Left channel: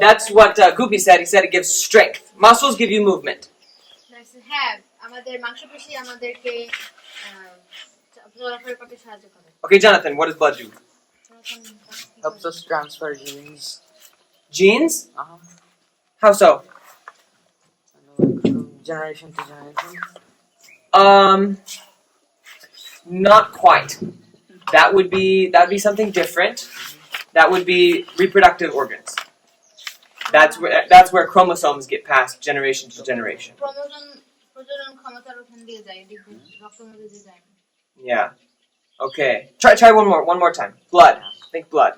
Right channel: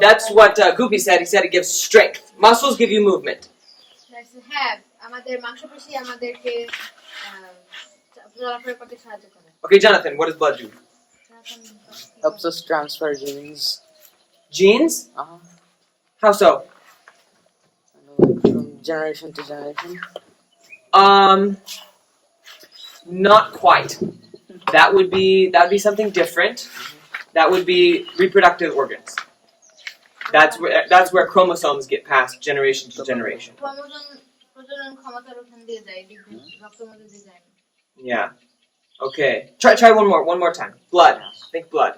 That's what Goopy said. He said it gives strength. Muscles give you movement. Okay, Jonathan, what does blood do? Helps us transfer genes. Genes? How so? From generation to generation. Not quite. That would be something different. That would be reproductive organs. That's where chromosomes get passed generation to generation. Yeah. Okay. Try one more time. Blood. Think blood.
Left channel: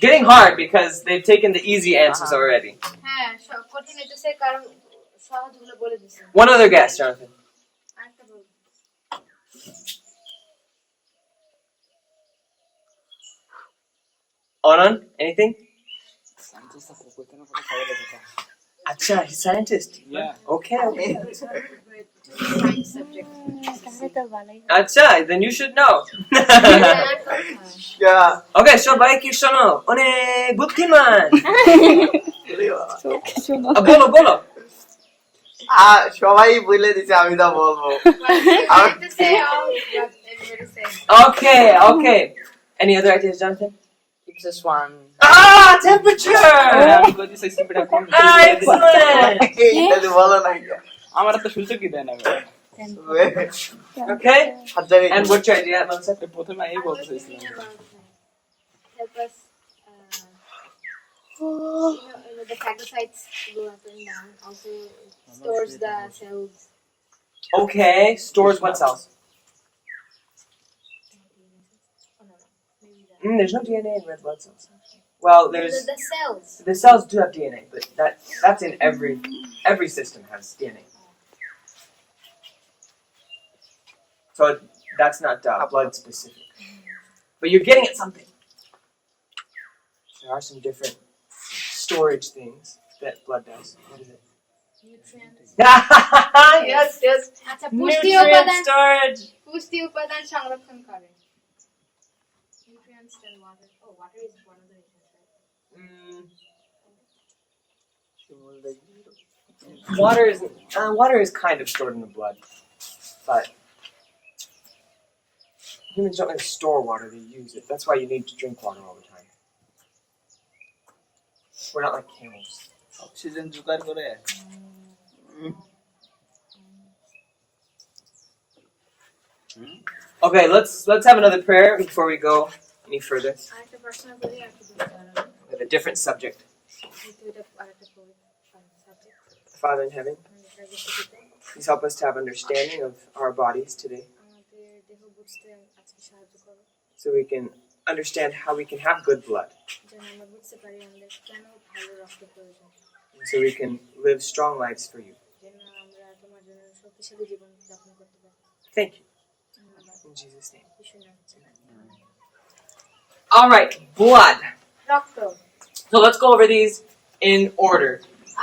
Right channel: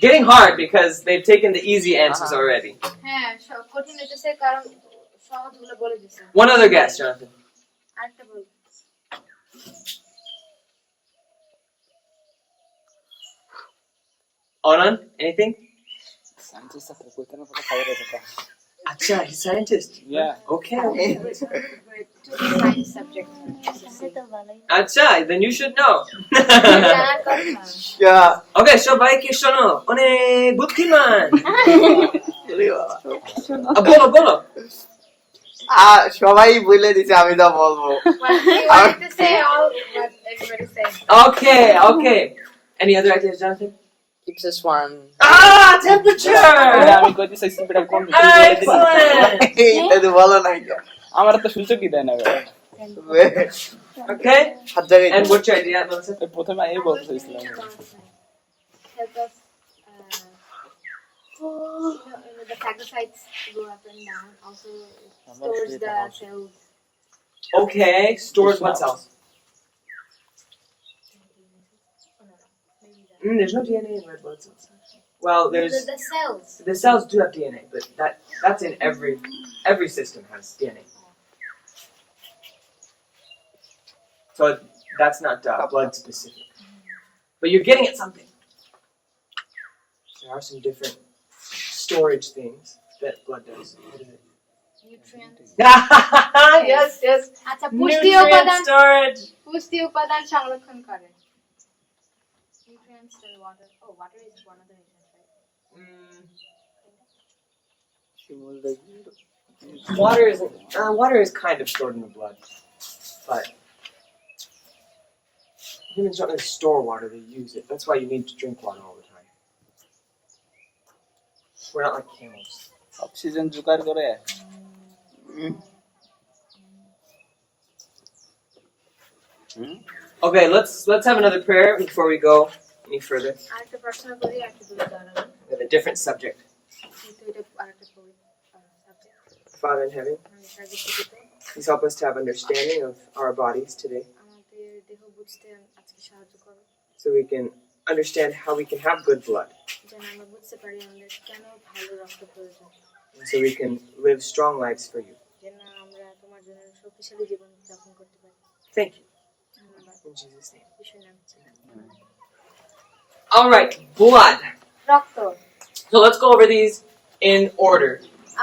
Getting hard because they've taken the easy answers already. One other guess, Jonathan. Anand, anything? Acha, he's scientist. Yeah. Okay. Science subject. Acha, then you should know. Yeah. Okay, সবাই কি শোনো অনেক বুদ্ধিমান বলো সবাই বলে দিছে আমি তো বলবো Okay. Any other ideas, Jonathan? keeps us warm. Temperature. আমি কইতে চাইছি বেটা কোন Excellent. এটা তো বলো না আমার তো সুযোগই দেয় না বেটা Okay. And what's your idea, Melissa? প্রথমে আমি বলতে চাইছিলাম Help us, the phagocytes go up and down. Also, it stores the cells. Okay. Stores what cells? There's no DNA in red blood cells. Well, there's The cells. the cells do have DNA, but that's in every system has DNA. So that's not blood specific. But you're getting at something. There are some different storage things that blood does. What is it? Nutrients. Yes. আচ্ছা Nutrient storage. পুষ্টি উপাদান সংরক্ষণ করে nutrients and water. Oh, water is one of the reasons, right? Water is kind of stored in the blood, but humans don't really store water; they use it. That's why you need to drink water all the time. We're not like camels. Oxygen জোগাড় করে Okay, let's have another prayer before we go any further. আরেকটা প্রশ্ন করি আর কি বলতে পারো We have a different subject. কিন্তু এটা আরেকটা subject Father in heaven, please help us to have understanding of our bodies today, আমাদের দেহ বুঝতে আজকে সাহায্য করো so we can understand how we can have good blood, যেন আমরা বুঝতে পারি আমাদের কেন ভালো রক্ত প্রয়োজন and so we can live strong lives for you. যেন আমরা তোমার জন্য শক্তিশালী জীবন যাপন করতে পারি Thank you. ধন্যবাদ In Jesus' name. ঈশ্বর নামে All right, blood. রক্ত So let's go over these in order.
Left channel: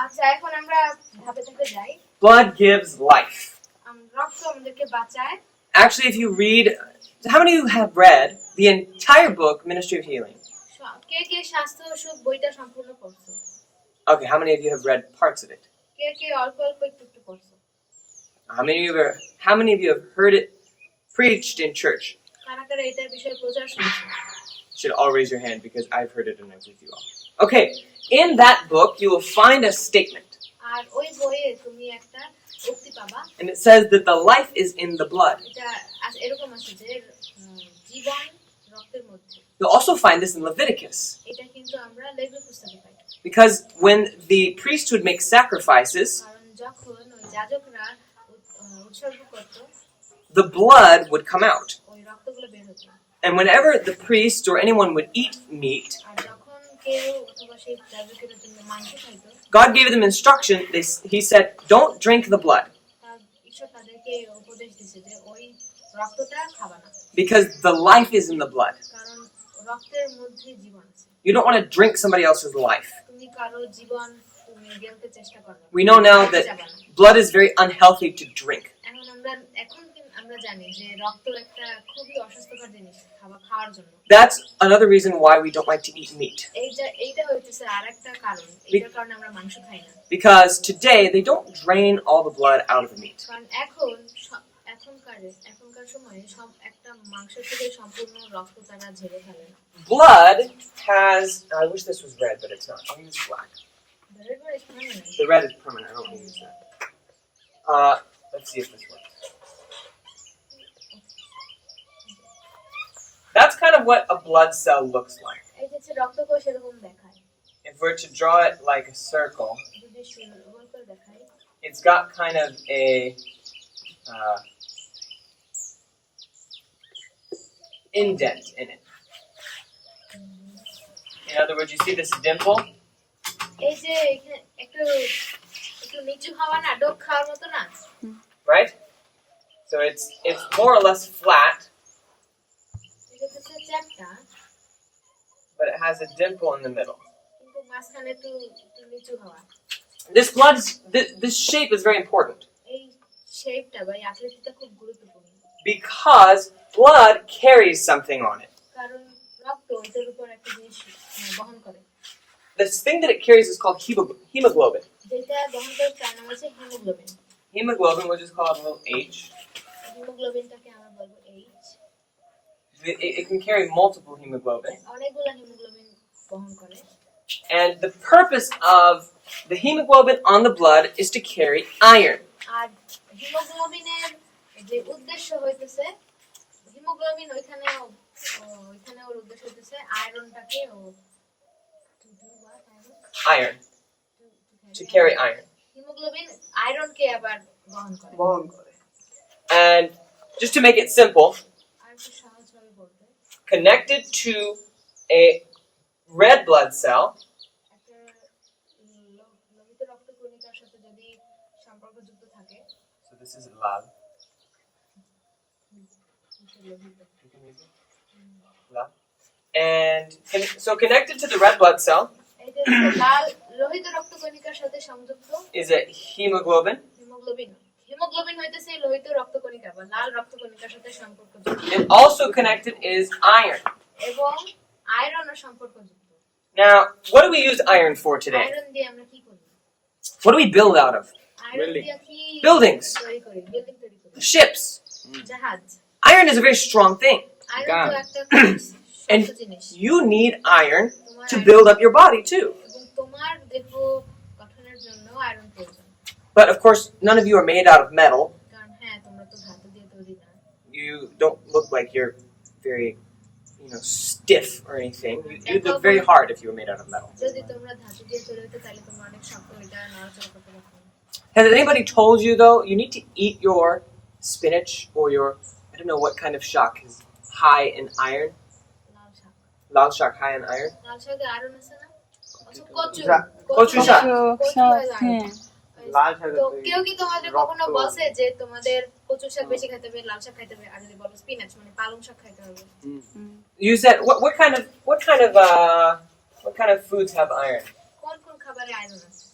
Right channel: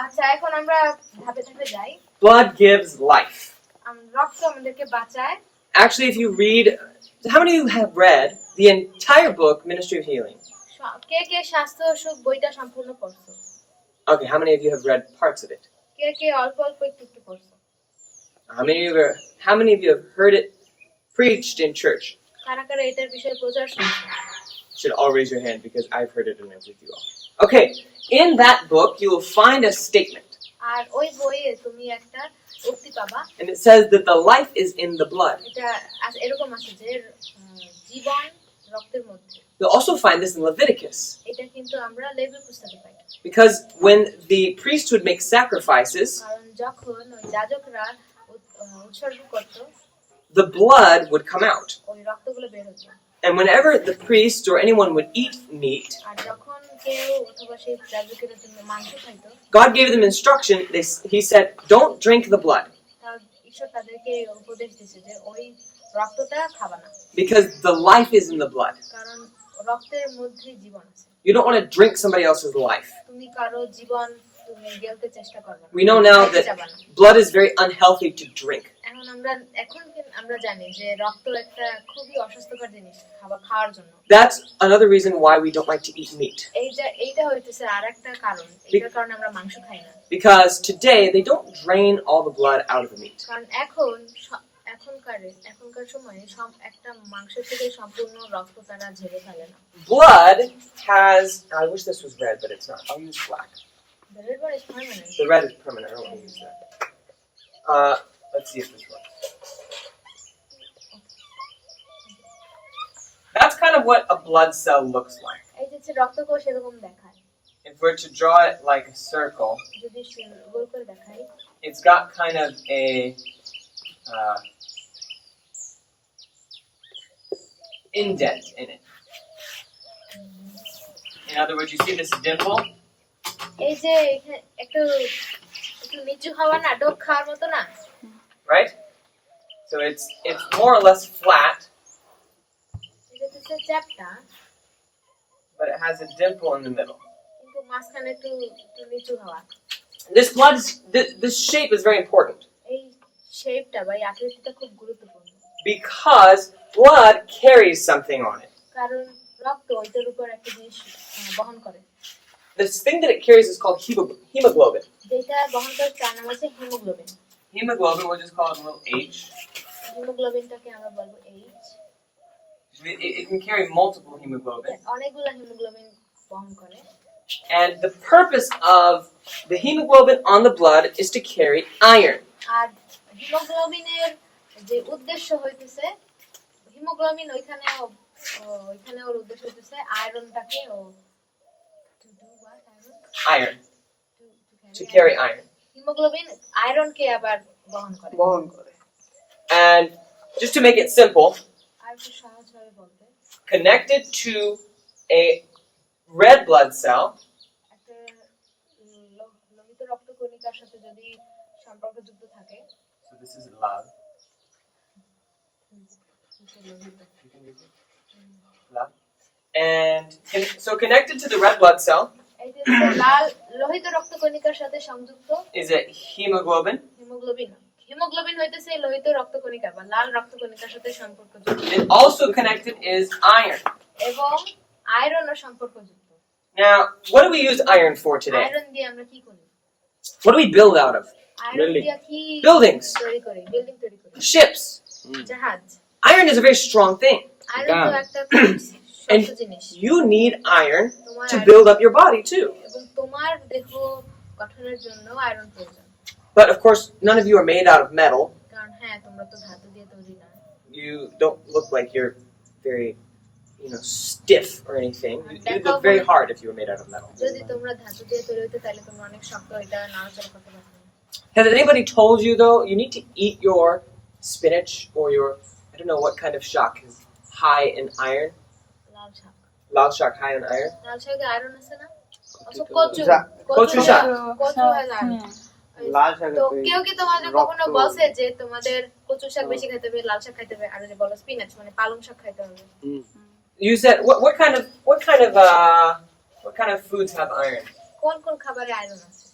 আচ্ছা এখন আমরা ধাপে ধাপে যাই Blood gives life. রক্ত আমাদেরকে বাঁচায় Actually, if you read, how many of you have read the entire book, Ministry of Healing? কে কে স্বাস্থ্য ও সুখ বইটা সম্পূর্ণ পড়ছো Okay, how many of you have read parts of it? কে কে অল্প অল্প একটু একটু পড়ছো How many of you have heard it preached in church? কারা কারা এটার বিষয়ে প্রচার শুনছো You should all raise your hand because I've heard it and I'm with you all. Okay, in that book you will find a statement. আর ওই বইয়ে তুমি একটা উক্তি পাবা And it says that the life is in the blood. এটা এরকম আছে যে জীবন রক্তের মধ্যে You'll also find this in Leviticus. এটা কিন্তু আমরা লেভি পুস্তকে পাই Because when the priesthood makes sacrifices, কারণ যখন ওই যাজকরা উৎসর্গ করত the blood would come out. ওই রক্তগুলো বের হতো And whenever the priest or anyone would eat meat, আর যখন কেউ অথবা সেই যাজকের জন্য মাংস খাইতো God gave them instruction. He said, don't drink the blood তার ঈশ্বর তাদেরকে উপদেশ দিয়েছে যে ওই রক্তটা খাবা না because the life is in the blood. কারণ রক্তের মধ্যে জীবন আছে You don't want to drink somebody else's life. তুমি কারো জীবন তুমি গেলতে চেষ্টা করবে না We know now that blood is very unhealthy to drink. এখন আমরা এখন আমরা জানি যে রক্ত একটা খুবই অস্বাস্থ্যকর জিনিস খাওয়ার জন্য। That's another reason why we don't like to eat meat. এইটা হইতেছে আরেকটা কারণ এটার কারণে আমরা মাংস খাই না। Because today they don't drain all the blood out of the meat. কারণ এখনকার সময়ে একটা মাংসের থেকে সম্পূর্ণ রক্ত তারা ঝেড়ে ফেলে না। Blood has, I wish this was red, but it's not. I'll use black. The red one is permanent. The red is permanent. I don't want to use that. Let's see if this works. That's kind of what a blood cell looks like. এই যে রক্তকোষ এরকম দেখায়। If we're to draw it like a circle, যদি গোল করে দেখাই, it's got kind of a indent in it. In other words, you see this dimple? এই যে একটু নিচু হওয়া না, ডোক খাওয়ার মতো না, Right? So it's more or less flat, এটা হচ্ছে চ্যাপটা, but it has a dimple in the middle. কিন্তু মাঝখানে একটু নিচু হওয়া। This shape is very important এই শেপটা বা এই আকৃতিটা খুব গুরুত্বপূর্ণ। because blood carries something on it. কারণ রক্ত ওইটার উপর একটা জিনিস বহন করে। This thing that it carries is called hemoglobin. যেটা বহন করে তার নাম হচ্ছে haemoglobin. Hemoglobin, we'll just call it a little H. হিমোগ্লোবিনটাকে আমরা বলবো H। It can carry multiple hemoglobin. অনেকগুলো হিমোগ্লোবিন বহন করে। And the purpose of the hemoglobin on the blood is to carry iron. আর হিমোগ্লোবিনের যে উদ্দেশ্য হইতেছে, হিমোগ্লোবিন ওইখানে ওর উদ্দেশ্য হইতেছে আয়রনটাকে Iron. To carry iron. Haemoglobin আয়রনকে আবার বহন করে। And just to make it simple, আর একটু সহজভাবে বলতে, connected to a red blood cell একটা লোহিত রক্তকণিকার সাথে যদি সম্পর্কযুক্ত থাকে, so this is love. Lohit, Love. And so connected to the red blood cell এই যে লাল লোহিত রক্তকণিকার সাথে সংযুক্ত is a hemoglobin. হিমোগ্লোবিন হইতেছে লোহিত রক্তকণিকা বা লাল রক্তকণিকার সাথে সম্পর্কযুক্ত। And also connected is iron. এবং আয়রনও সম্পর্কযুক্ত। Now, what do we use iron for today? Iron দিয়ে আমরা কি করি? What do we build out of? Iron দিয়ে কি Buildings. তৈরি করি? বিল্ডিং তৈরি করি। Ships. জাহাজ। Iron is a very strong thing. Iron তো একটা খুব শক্ত জিনিস। You need iron to build up your body too. এবং তোমার দেহ গঠনের জন্য আয়রন প্রয়োজন। But of course, none of you are made out of metal. কারণ হ্যাঁ, তোমরা তো ধাতু দিয়ে তৈরি না। You don't look like you're very, stiff or anything. You'd look very hard if you were made out of metal. যদি তোমরা ধাতু দিয়ে তৈরি হইতে তাহলে তোমরা অনেক শক্ত, এটা নাড়াচাড়া করতে পারবে না। Has anybody told you though, you need to eat your spinach or your, I don't know what kind of shak is high in iron? লাল শাক। Lal shak high in iron? লাল শাকে আয়রন আছে না? আচ্ছা, কচু। কচু শাক। কচু has iron। তো কেউ কি তোমাদের কখনো বলছে যে তোমাদের কচু শাক বেশি খেতে হবে, লাল শাক খেতে হবে, আর যে বলো স্পিনাচ মানে পালং শাক খেতে হবে? You said what kind of foods have iron? কোন কোন খাবারে আয়রন আছে?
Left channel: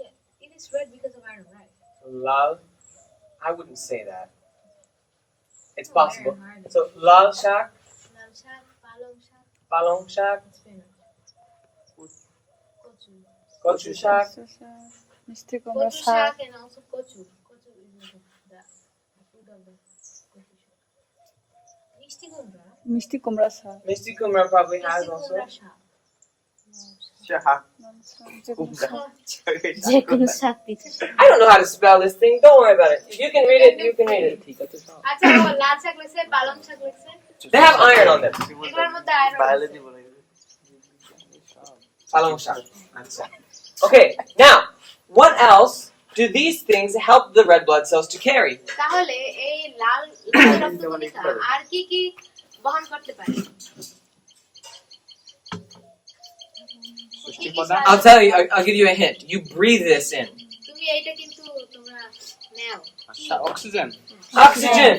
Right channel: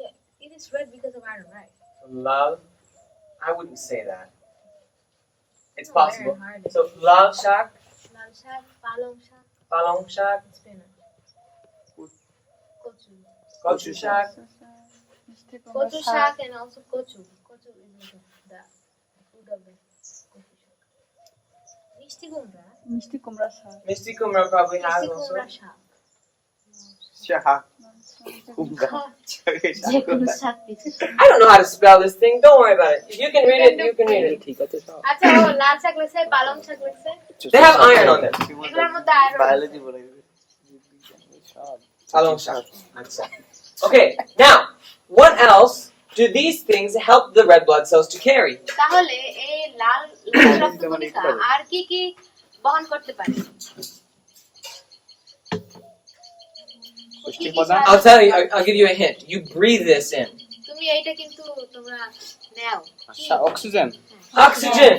Yeah, it is red because of iron, right? Lal, I wouldn't say that. It's Oh, possible. very hard. So lal shak, লাল শাক, পালং শাক, palong shak, স্পিনাচ, কচু। kochu shak. মিষ্টি কুমড়া কচু শাক, শাক and also কচু. Kotchu is the food of the কচু শাক. মিষ্টি কুমড়া? মিষ্টি কুমড়া শাক, Misty kumra probably has মিষ্টি also. কুমড়া শাক। যে কোনো শাক দিতে। I don't know how to spell this thing. Don't worry about it. If you can read it, you can read it. আচ্ছা, ও লাল শাক লেখছে, পালং শাক লেখছে। They have iron on them. এগুলোর মধ্যে আয়রন আছে। বায়োলজি বলে Palong shak. Okay, now what else do these things help the red blood cells to carry? তাহলে এই লাল রক্তকণিকা আর কি কি বহন করতে পারে? কি কি I'll tell you. I'll give you a hint. You breathe this in. তুমি এইটা কিন্তু তোমরা নাও। Oxygen. Oxygen.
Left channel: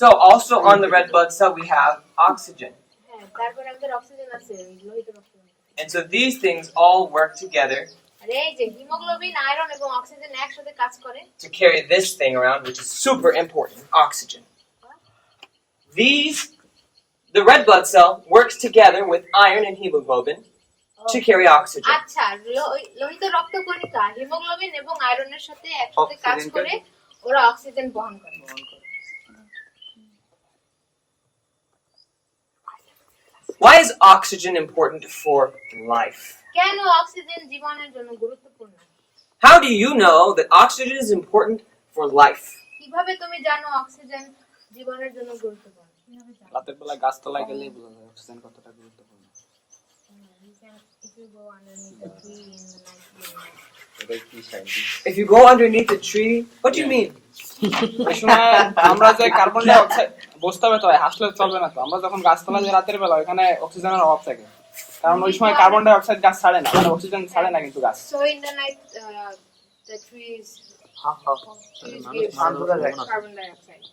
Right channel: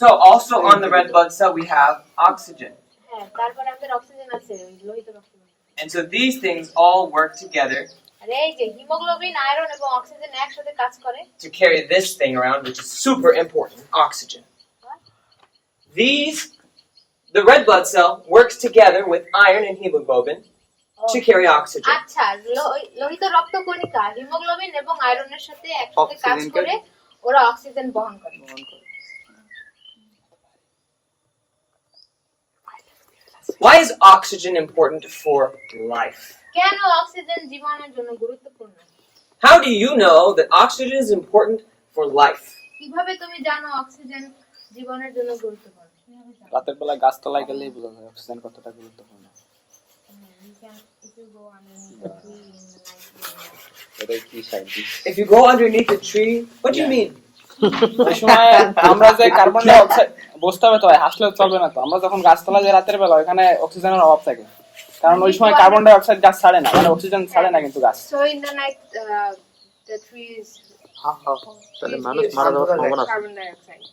So also on the red blood cell we have oxygen. হ্যাঁ, তারপরে আমাদের অক্সিজেন আছে, ওই লোহিত রক্তকণিকা। And so these things all work together আর এই যে হিমোগ্লোবিন আয়রন এবং অক্সিজেন একসাথে কাজ করে to carry this thing around, which is super important, oxygen. The red blood cell works together with iron and hemoglobin to carry oxygen. আচ্ছা লোহিত রক্তকণিকা হিমোগ্লোবিন এবং আয়রনের সাথে একসাথে কাজ অক্সিজেন করে ওরা অক্সিজেন বহন করে Why is oxygen important for life? কেন অক্সিজেন জীবনের জন্য গুরুত্বপূর্ণ How do you know that oxygen is important for life? কিভাবে তুমি জানো অক্সিজেন জীবনের জন্য গুরুত্বপূর্ণ কিভাবে জানো রাতের বেলা গাছতলায় গেলেই বোঝা যায় অক্সিজেন কতটা গুরুত্বপূর্ণ। if you go underneath the tree in the night you will know. এটাই কি scientist. If you go underneath a tree, what do you mean? ওই সময় আমরা যে কার্বন ডাই অক্সাইড বসতে হবে তো ভাই, হাসলে চলবে না তো। আমরা যখন গাছতলায় যাই রাতের বেলা ওখানে অক্সিজেনের অভাব থাকে, কারণ ওই সময় কার্বন ডাই অক্সাইড গাছ ছাড়ে না, অক্সিজেন ছাড়ে না কিন্তু গাছ। So in the night the trees তাহলে মানুষ মারা যাওয়ার সম্ভাবনা আছে। carbon dioxide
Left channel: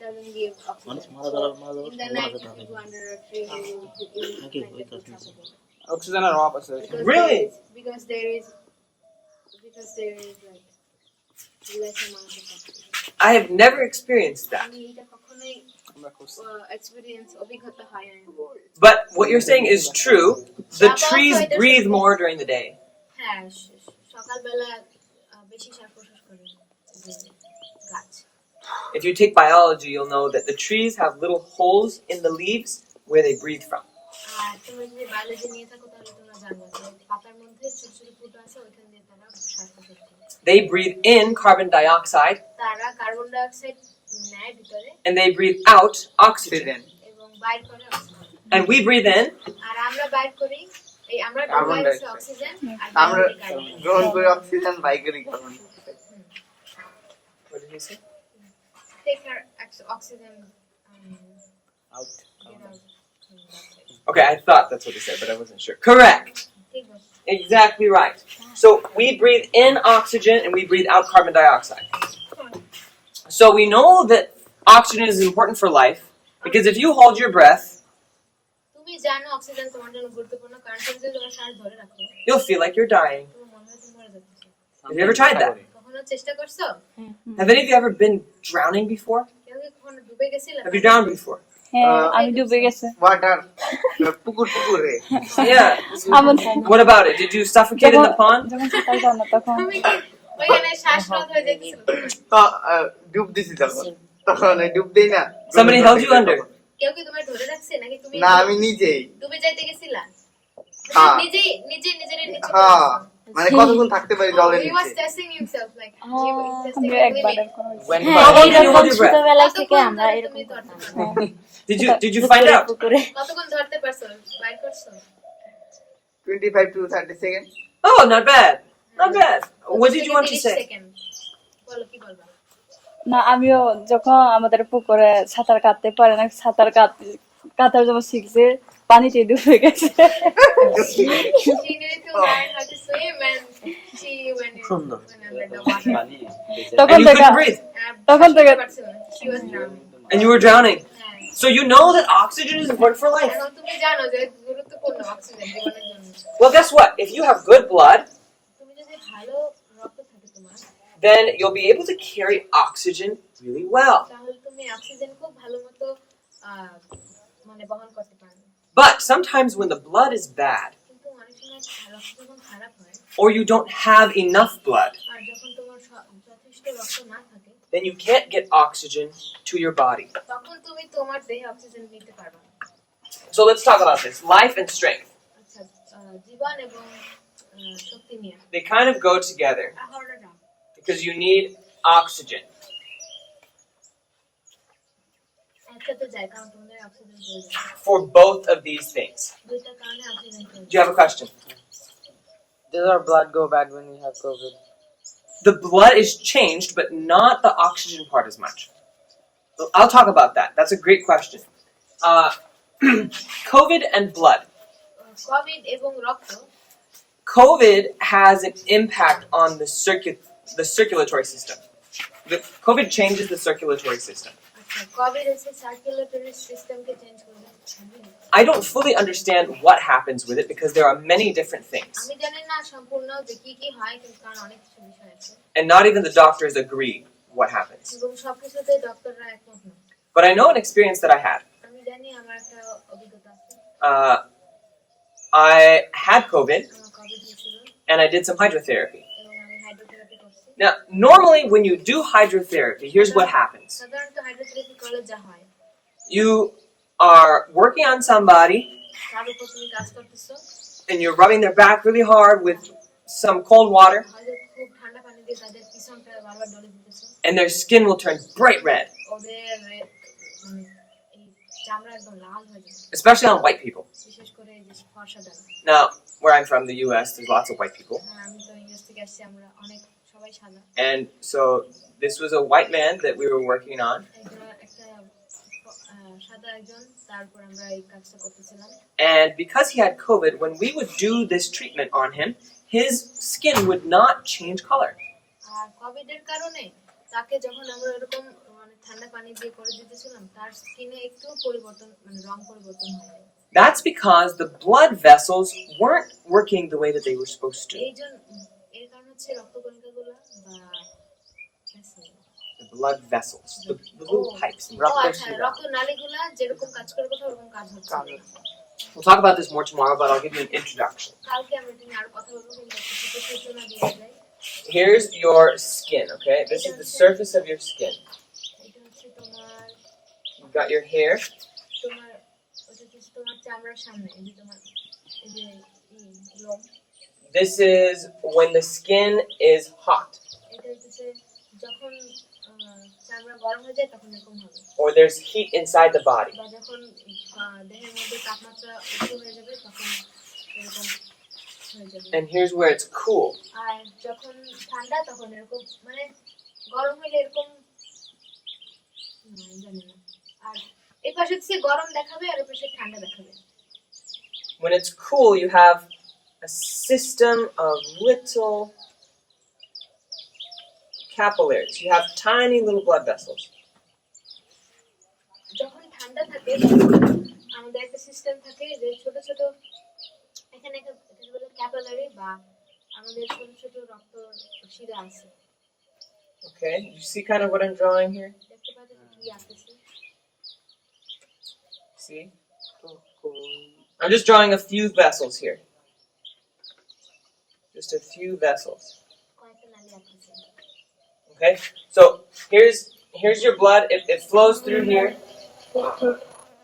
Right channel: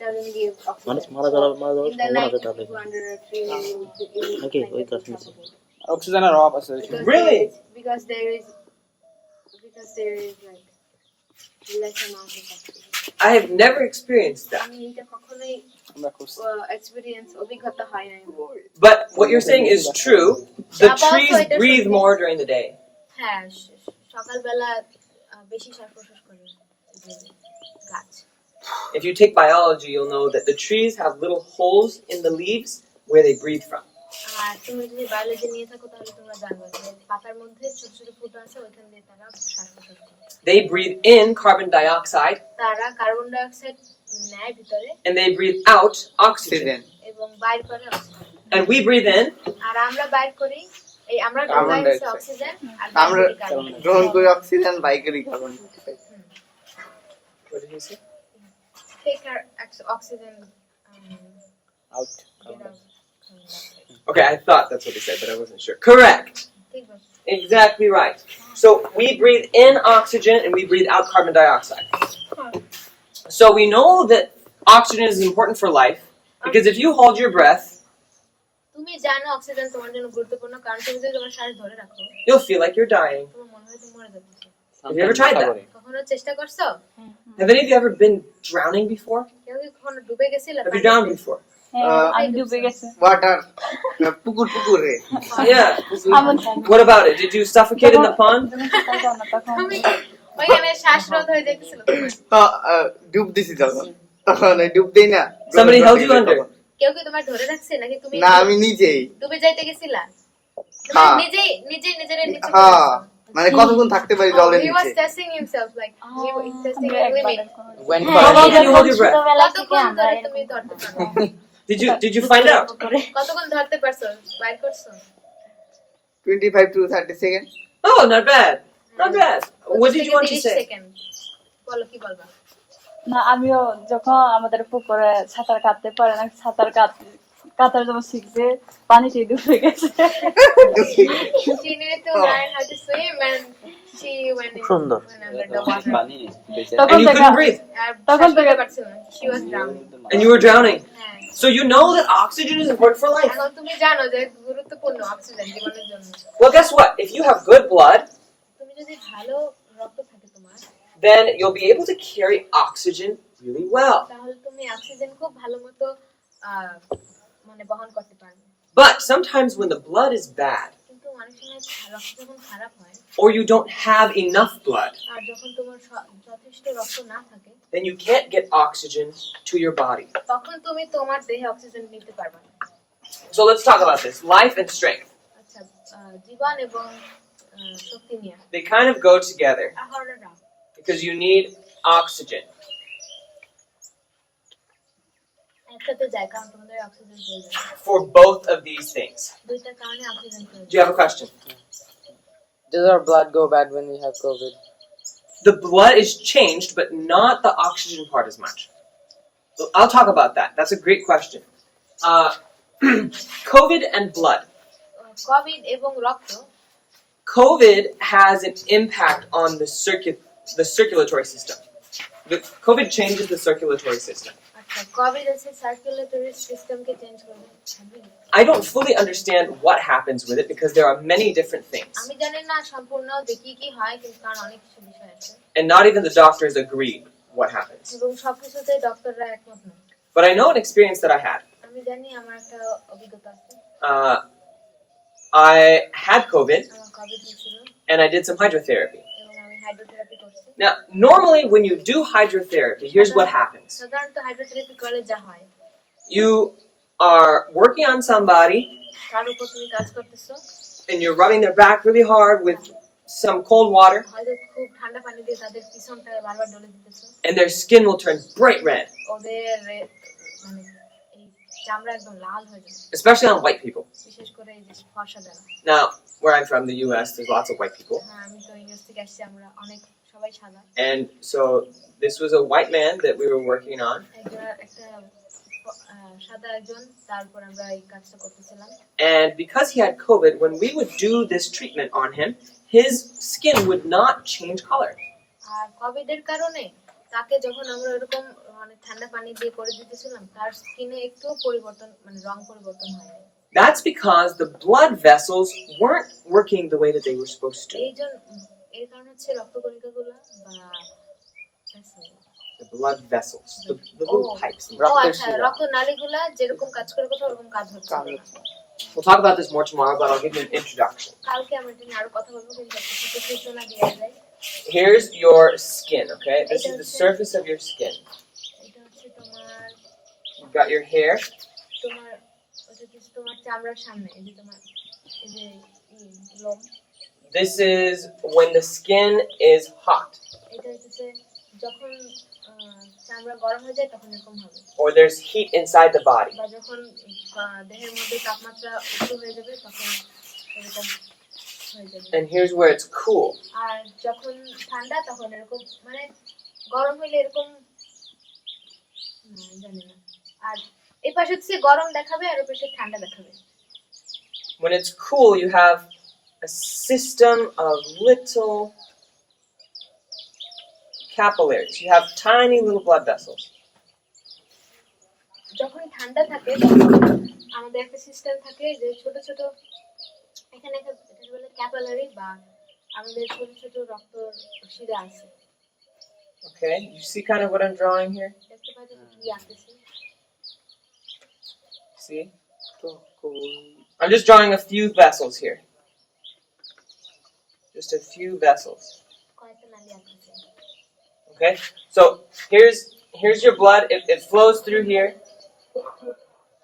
doesn't give oxygen. মানুষ মারা যাওয়ার In the সম্ভাবনা night আছে if তাহলে you go under a tree you will নাকি find ওই it গাছ নিচে suffocate. অক্সিজেনের অভাব আছে ওইখানে। Really? Because there is like less amount of oxygen. I have never experienced that. আমি এটা কখনোই আমরা খুব experience অভিজ্ঞতা হয় না But what you're saying is true. The trees breathe more during the day. হ্যাঁ সকালবেলা বেশি শ্বাস-প্রশ্বাস করে যে গাছ If you take biology, you'll know that the trees have little holes in the leaves where they breathe from. আর তুমি যদি বায়োলজি নিয়ে থাকো তাহলে তোমরা জানবে যে পাতার মধ্যে ছোট ছোট ফুটো আছে ওইখান দিয়ে তারা শ্বাস-প্রশ্বাস করে They breathe in carbon dioxide তারা কার্বন ডাই অক্সাইড নেয় ভিতরে and they breathe out oxygen. Oxygen এবং বাইর করে oxygen And we breathe in আর আমরা বাইর করি এই আমরা কার্বন ঢোকাই হচ্ছে ডাইঅক্সাইড। অক্সিজেন আর আমরা বাইরে কার্বন গ্রহণ করি অক্সিজেন, বাইকেরই carbon. what did you say? take our oxygen out. get out carbon dioxide. Okay, I thought that's what he said, but I wasn't sure. Correct. ঠিক আছে Exactly right. So we breathe in oxygen and we breathe out carbon dioxide. So we know that oxygen is important for life because if you hold your breath, তুমি জানো অক্সিজেন তোমার জন্য গুরুত্বপূর্ণ কারণ তুমি যদি তোমার শ্বাস ধরে রাখো you'll feel like you're dying. তোমার মনে হয় তুমি মরে যাচ্ছ Have you ever tried that? কখনো চেষ্টা করছো Have any of you ever been drowning before? কেউ কি কখনো ডুবে গেছিলে Have you drowned before? হ্যাঁ আমি ডুবে গেছে ওয়াটার পুকুরে Yeah. What about it? Did you suffocate in the pond? যখন সাঁতার জানো না তখন তুমি ওইখানে শ্বাসরোধ হয়ে যেতেছিল ডুব দিছি তখন ডুব দেই না। Somebody held you under. কেউ কি তোমার ধরে রাখছে নাকি তুমি না আমি নিজেই। ডুবে যাইতে গেছিলা তুমি হ্যাঁ। নিজেই নিজের নিচে হ্যাঁ মানে কতক্ষণ থাকতে পারি জলের he was নিচে। testing himself like he was testing a limit How long can you hold your breath? কতক্ষণ ধরে তুমি ধরতে পারো Did you find out? কতক্ষণ ধরতে পারছো বাইর করছো 25 to 30 second. Oh, not bad. Not bad. What did you want to 30 say? Second বলো কি বলবা না আমিও যখন আমাদের পুকুরে সাঁতার কাটতে পারে না সাঁতার কাটার জন্য শিখছে পানিতে ডুবে গেছে she needed to learn how to swim and she went in সুন্দর। went under the water পানি বেঁচে তখন And you থেকে couldn't breathe. আর তখন শ্বাস থেকে- নিতে পারছিল না she was drowning And you were drowning. হ্যাঁ So you know that oxygen is important for life. এখন তুমি জানো যে গুরুত্বপূর্ণ অক্সিজেন জীবনের জন্য Well, guess what? If you have good blood, তুমি যদি ভালো রক্ত থাকে তোমার then you'll be able to carry oxygen really well. তাহলে তুমি অক্সিজেন খুব ভালো মতো মানে বহন করতে পারবে But sometimes when the blood is bad, কিন্তু অনেক সময় রক্ত যখন খারাপ হয় or you don't have enough blood, আর যখন তোমার যথেষ্ট রক্ত না থাকে then you can't get oxygen to your body. তখন তুমি তোমার দেহে অক্সিজেন নিতে পারবে না So let's talk about this. Life and strength. আচ্ছা জীবন এবং শক্তি নিয়ে They kind of go together আহরণ না because you need oxygen. একসাথে যায় কারণ তোমাদের অক্সিজেন প্রয়োজন For both of these things. দুইটা কারণে অক্সিজেন প্রয়োজন Do you have a question? Does our blood go bad when we have COVID? The blood is changed, but not the oxygen part as much. So I'll talk about that. That's a great question. COVID and blood. Covid এবং রক্ত COVID has an impact on the circulatory system. COVID changes the circulatory system. আচ্ছা কোভিড হচ্ছে সার্কুলেটরি সিস্টেমকে চেঞ্জ করে I don't fully understand what happens with it because there are many different things. আমি জানি না সম্পূর্ণ যে কি কি হয় কিন্তু কারণ অনেক কিছু বিষয় আছে And not even the doctors agree what happens. এবং সবকিছুতে ডক্টররা একমত না But I know an experience that I had. আমি জানি আমার একটা অভিজ্ঞতা আছে I had COVID আমার কোভিড হয়েছিল and I did some hydrotherapy. এবং আমি হাইড্রোথেরাপি করছি Now, normally when you do hydrotherapy, here's what happens. সাধারণত হাইড্রোথেরাপি করলে যা হয় You are working on somebody তার উপর তুমি কাজ করতেছো and you're rubbing their back really hard with some cold water হয়তো খুব ঠান্ডা পানি দিয়ে তাদের পিছনটা বারবার ডলে দিতেছো and their skin will turn bright red, ওদের মানে এই চামড়া একদম লাল হয়ে যাবে especially on white people. বিশেষ করে এই যে ফর্সা যারা Now, where I'm from, the US, there's lots of white people. হ্যাঁ আমি তো ইংরেজ থেকে আসছি আমরা অনেক সবাই সাদা And so this was a white man that we were working on. একটা সাদা একজন তারপর আমরা এই কাজটা করতেছিলাম And because he had COVID, when we would do this treatment on him, his skin would not change color. আর কোভিডের কারণে তাকে যখন আমরা এরকম মানে ঠান্ডা পানি দিয়ে করে দিতেছিলাম তার স্কিনে একটু পরিবর্তন মানে রং পরিবর্তন হয় That's because the blood vessels weren't working the way that they were supposed to. এর কারণ হচ্ছে রক্তকণিকাগুলো বা The blood vessels, the little pipes. in the ও blood. আচ্ছা রক্তনালীগুলা যেরকম কাজ করে কথা ওরকম কাজ হচ্ছে না We'll talk about this more tomorrow, but I'll give you an introduction. কালকে আমরা এটা নিয়ে আরো কথা বলবো কিন্তু একটা ছোট সূচনা দিয়ে যায় Here's your skin, okay? This is the surface of your skin. এটা হচ্ছে তোমার You've got your hair, তোমার ওটা হচ্ছে তোমার চামড়ার সামনে এই যে তোমার এই যে লোম this is when the skin is hot এটা হচ্ছে যখন চামড়া গরম হয়ে যায় তখন এরকম হবে or there's heat inside the body. বা যখন দেহের মধ্যে তাপমাত্রা উচ্চ হয়ে যাবে তখন এরকম হয়ে যাবে And here's where it's cool. আর যখন ঠান্ডা তখন এরকম মানে গরম হইলে এরকম জানি না আর এই পাশে হচ্ছে গরম দেখাবে আর ওই পাশে ঠান্ডা দেখাবে When it's cool, you have a system of little capillaries. You have tiny little blood vessels. যখন ঠান্ডা থাকে তখন আমাদের একটা সিস্টেম থাকে যে ছোট ছোট এখানে একটা এটাকে বলে ক্যাপিলারি বা আমাদের ছোট ছোট রক্ত শিরা আছে Okay, you see kind of what I'm drawing here? দেখতে পাচ্ছি কি আসছে See? I'm just drawing a few vessels here. Just a few vessels. কয়েকটা নালী আসছে Okay? So here's your blood. It flows through here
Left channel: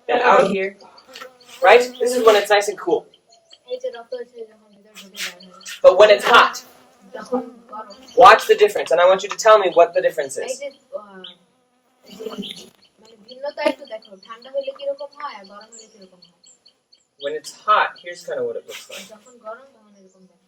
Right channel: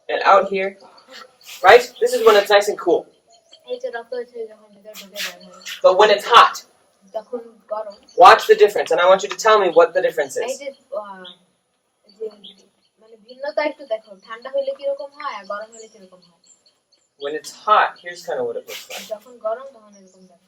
and out here. Right? This is when it's nice and cool. এই যে রক্ত হচ্ছে যখন ভিতরে ঢুকে যায় But when it's hot, তখন গরম watch the difference. And I want you to tell me what the difference এই is. যে মানে ভিন্নতা একটু দেখো ঠান্ডা হইলে কি রকম হয় আর গরম হইলে কি রকম হয় When it's hot, here's kind of what it looks like. যখন গরম তখন এরকম দেখো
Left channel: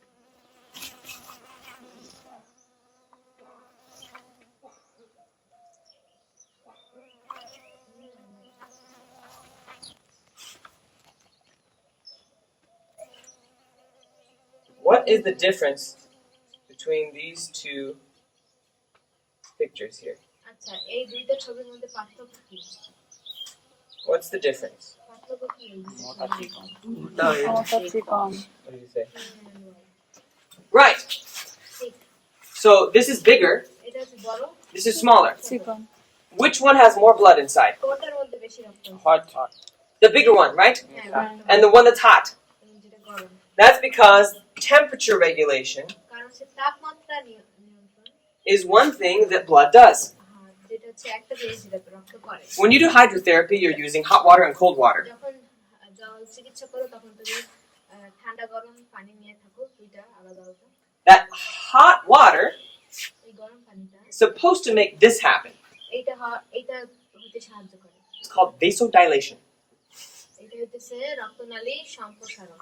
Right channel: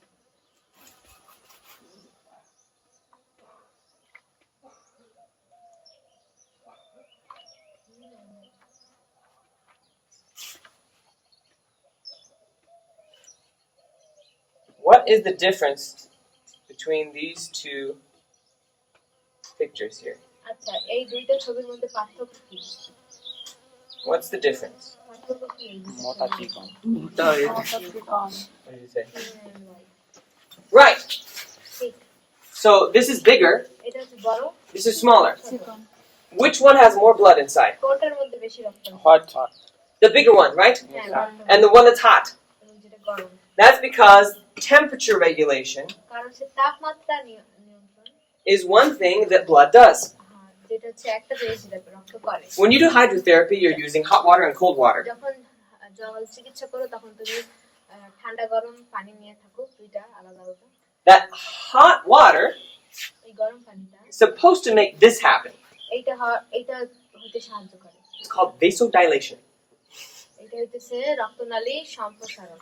What is the difference between these two pictures here? আচ্ছা এই দুইটা ছবির মধ্যে পার্থক্য কি What's the difference? পার্থক্য কি মোটা চিকন What do you say? Right. So this is bigger. এটা হচ্ছে বড় This is smaller. Which one has more blood inside? কোনটার মধ্যে বেশি রক্ত আছে? Hot hot The bigger one, right? হ্যাঁ রক্ত And the one that's hot. এবং যেটা গরম That's because temperature regulation কারণ সে তাপমাত্রা নিয়ন্ত্রণ is one thing that blood does. যেটা হচ্ছে একটা জিনিস যেটা রক্ত করে When you do hydrotherapy, you're using hot water and cold water. যখন জল চিকিৎসা করো তখন তুমি ঠান্ডা গরম পানি নিয়ে থাকো দুইটা আলাদা আলাদা That hot water এই গরম পানিটা is supposed to make this happen. এইটা হতে সাহায্য করে It's called vasodilation. এটা হইতেছে রক্তনালী সম্প্রসারণ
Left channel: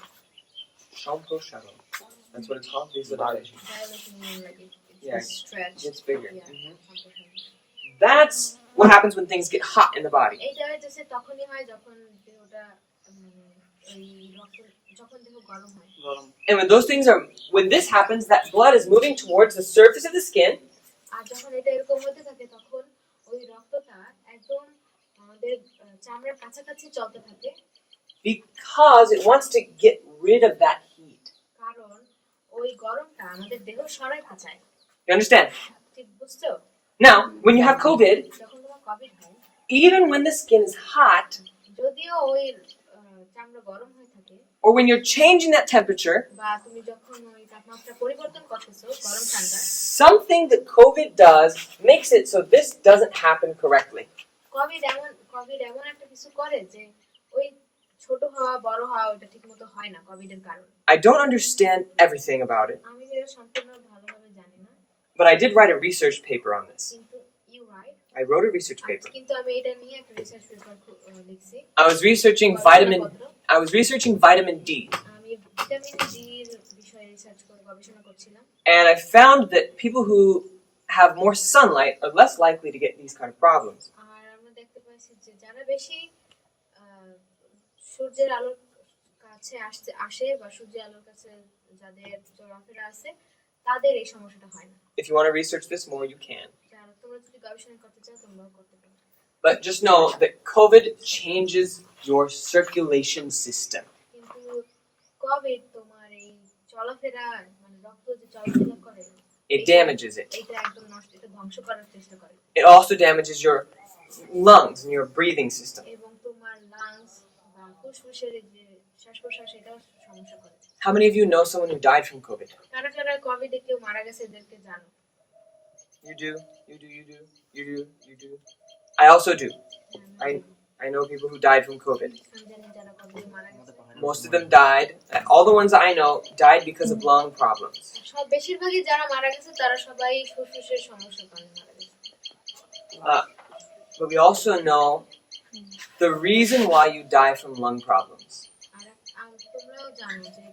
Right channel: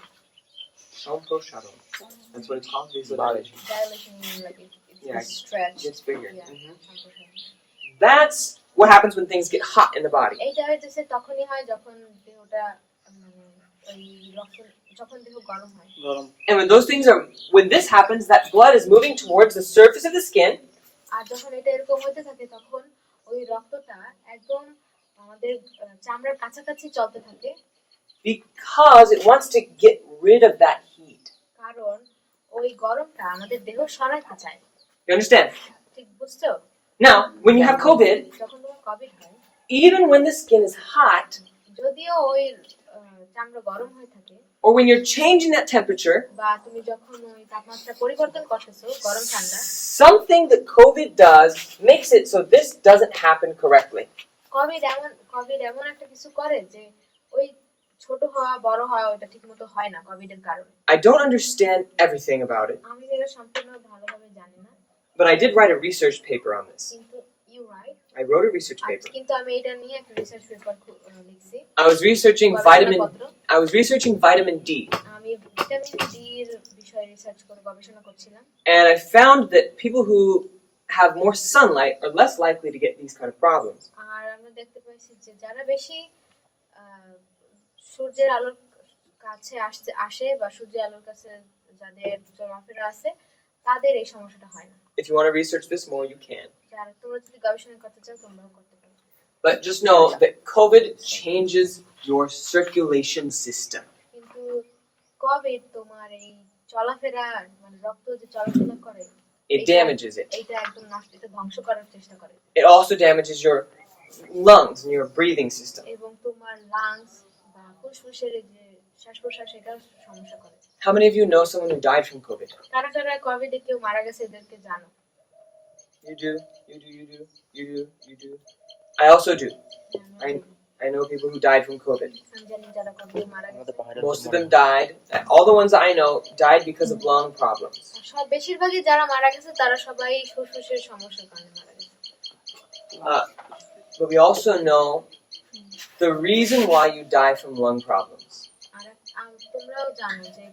That's what it's called, vasodilation. Dilation লাগে Yeah, stretch It gets bigger. Yeah. Mhm. সম্প্রসারণ That's what happens when things get hot in the body. এইটা হইতেছে তখনই হয় যখন দেহটা মানে ওই রক্ত যখন দেহ গরম হয় গরম And when this happens, that blood is moving towards the surface of the skin, আর যখন এটা এরকম হতে থাকে তখন ওই রক্তটা একদম আমাদের চামড়ার কাছাকাছি চলতে থাকে because it wants to get rid of that heat. কারণ ওই গরমটা আমাদের দেহ সরাতে চায় You understand? ঠিক বুঝছো Now, when you have COVID, যখন তোমার কোভিড হয় even when the skin is hot, যদিও ওই চামড়া গরম হয়ে থাকে or when you're changing that temperature, বা তুমি যখন ওই তাপমাত্রা পরিবর্তন করতেছো গরম ঠান্ডা something that COVID does makes it so this doesn't happen correctly. Covid এমন একটা কিছু করে যে ওই ছোট হওয়া বড় হওয়া ওটা ঠিকমতো হয় না কোভিডের কারণে I don't understand everything about it, আমি এটা সম্পূর্ণ ভালোভাবে জানি না but I did write a research paper on this. কিন্তু you write I wrote a research paper. কিন্তু আমি এটা নিয়ে একটা রিসার্চ পেপার লিখছি I was researching vitamin D, আমি ভিটামিন ডি এর বিষয়ে রিসার্চ করে গবেষণা করছিলাম and I found that people who have more sunlight are less likely to get these kind of problems. আর আমরা দেখতে পাচ্ছি যে যারা বেশি সূর্যের আলোর কাছে আসে বা সূর্যের আলোর কাছে যাদের চলাফেরা আছে তাদের এই সমস্যাটা হয় না If you want to research this more, you can. যারা তোমরা যদি গবেষণা করতে চাও তোমরাও করতে পারো But just know that COVID changes your circulation system. কিন্তু কোভিড তোমার এই চলাফেরা মানে রক্ত যে চলাচলা করে It damages it. এটা একদম নষ্ট এটা ধ্বংস করার চেষ্টা করে It also damages your lungs and your breathing system. এবং তোমার লাংস বা ফুসফুসের যে শ্বাস-প্রশ্বাস এটা সমস্যা করে How many of you know someone who died from COVID? কারা কারা কোভিডে কেউ মারা গেছে এদেরকে জানো You do, you do, you do, you do, you do. I also do. I know people who died from COVID. আমি জানি যারা কোভিডে মারা গেছে Most of them died. All the ones I know died because of lung problems. সব বেশিরভাগই যারা মারা গেছে তারা সবাই ফুসফুসের সমস্যার কারণে মারা গেছে But we also know the reason why you die from lung problems আর তোমরাও জানো যে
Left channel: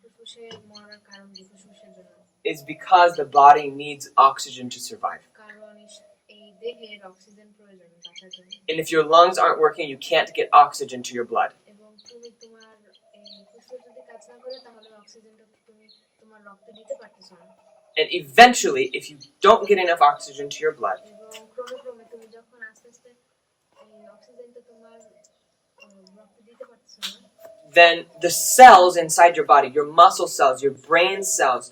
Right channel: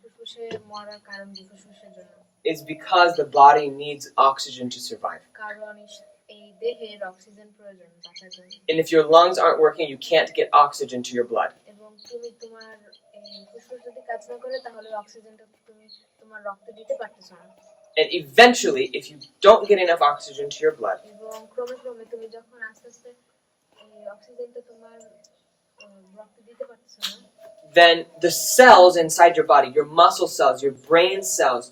ফুসফুসে মরার কারণ কি ফুসফুসের জন্য is because the body needs oxygen to survive. কারণ এই দেহের অক্সিজেন প্রয়োজন বাঁচার জন্য And if your lungs aren't working, you can't get oxygen to your blood. এবং তুমি তোমার ফুসফুস যদি কাজ না করে তাহলে অক্সিজেনটা তুমি তোমার রক্তে দিতে পারতেছ না And eventually, if you don't get enough oxygen to your blood, এবং ক্রমে ক্রমে তুমি যখন আস্তে আস্তে এই অক্সিজেনটা তোমার রক্তে দিতে পারতেছ না then the cells inside your body, your muscle cells, your brain cells,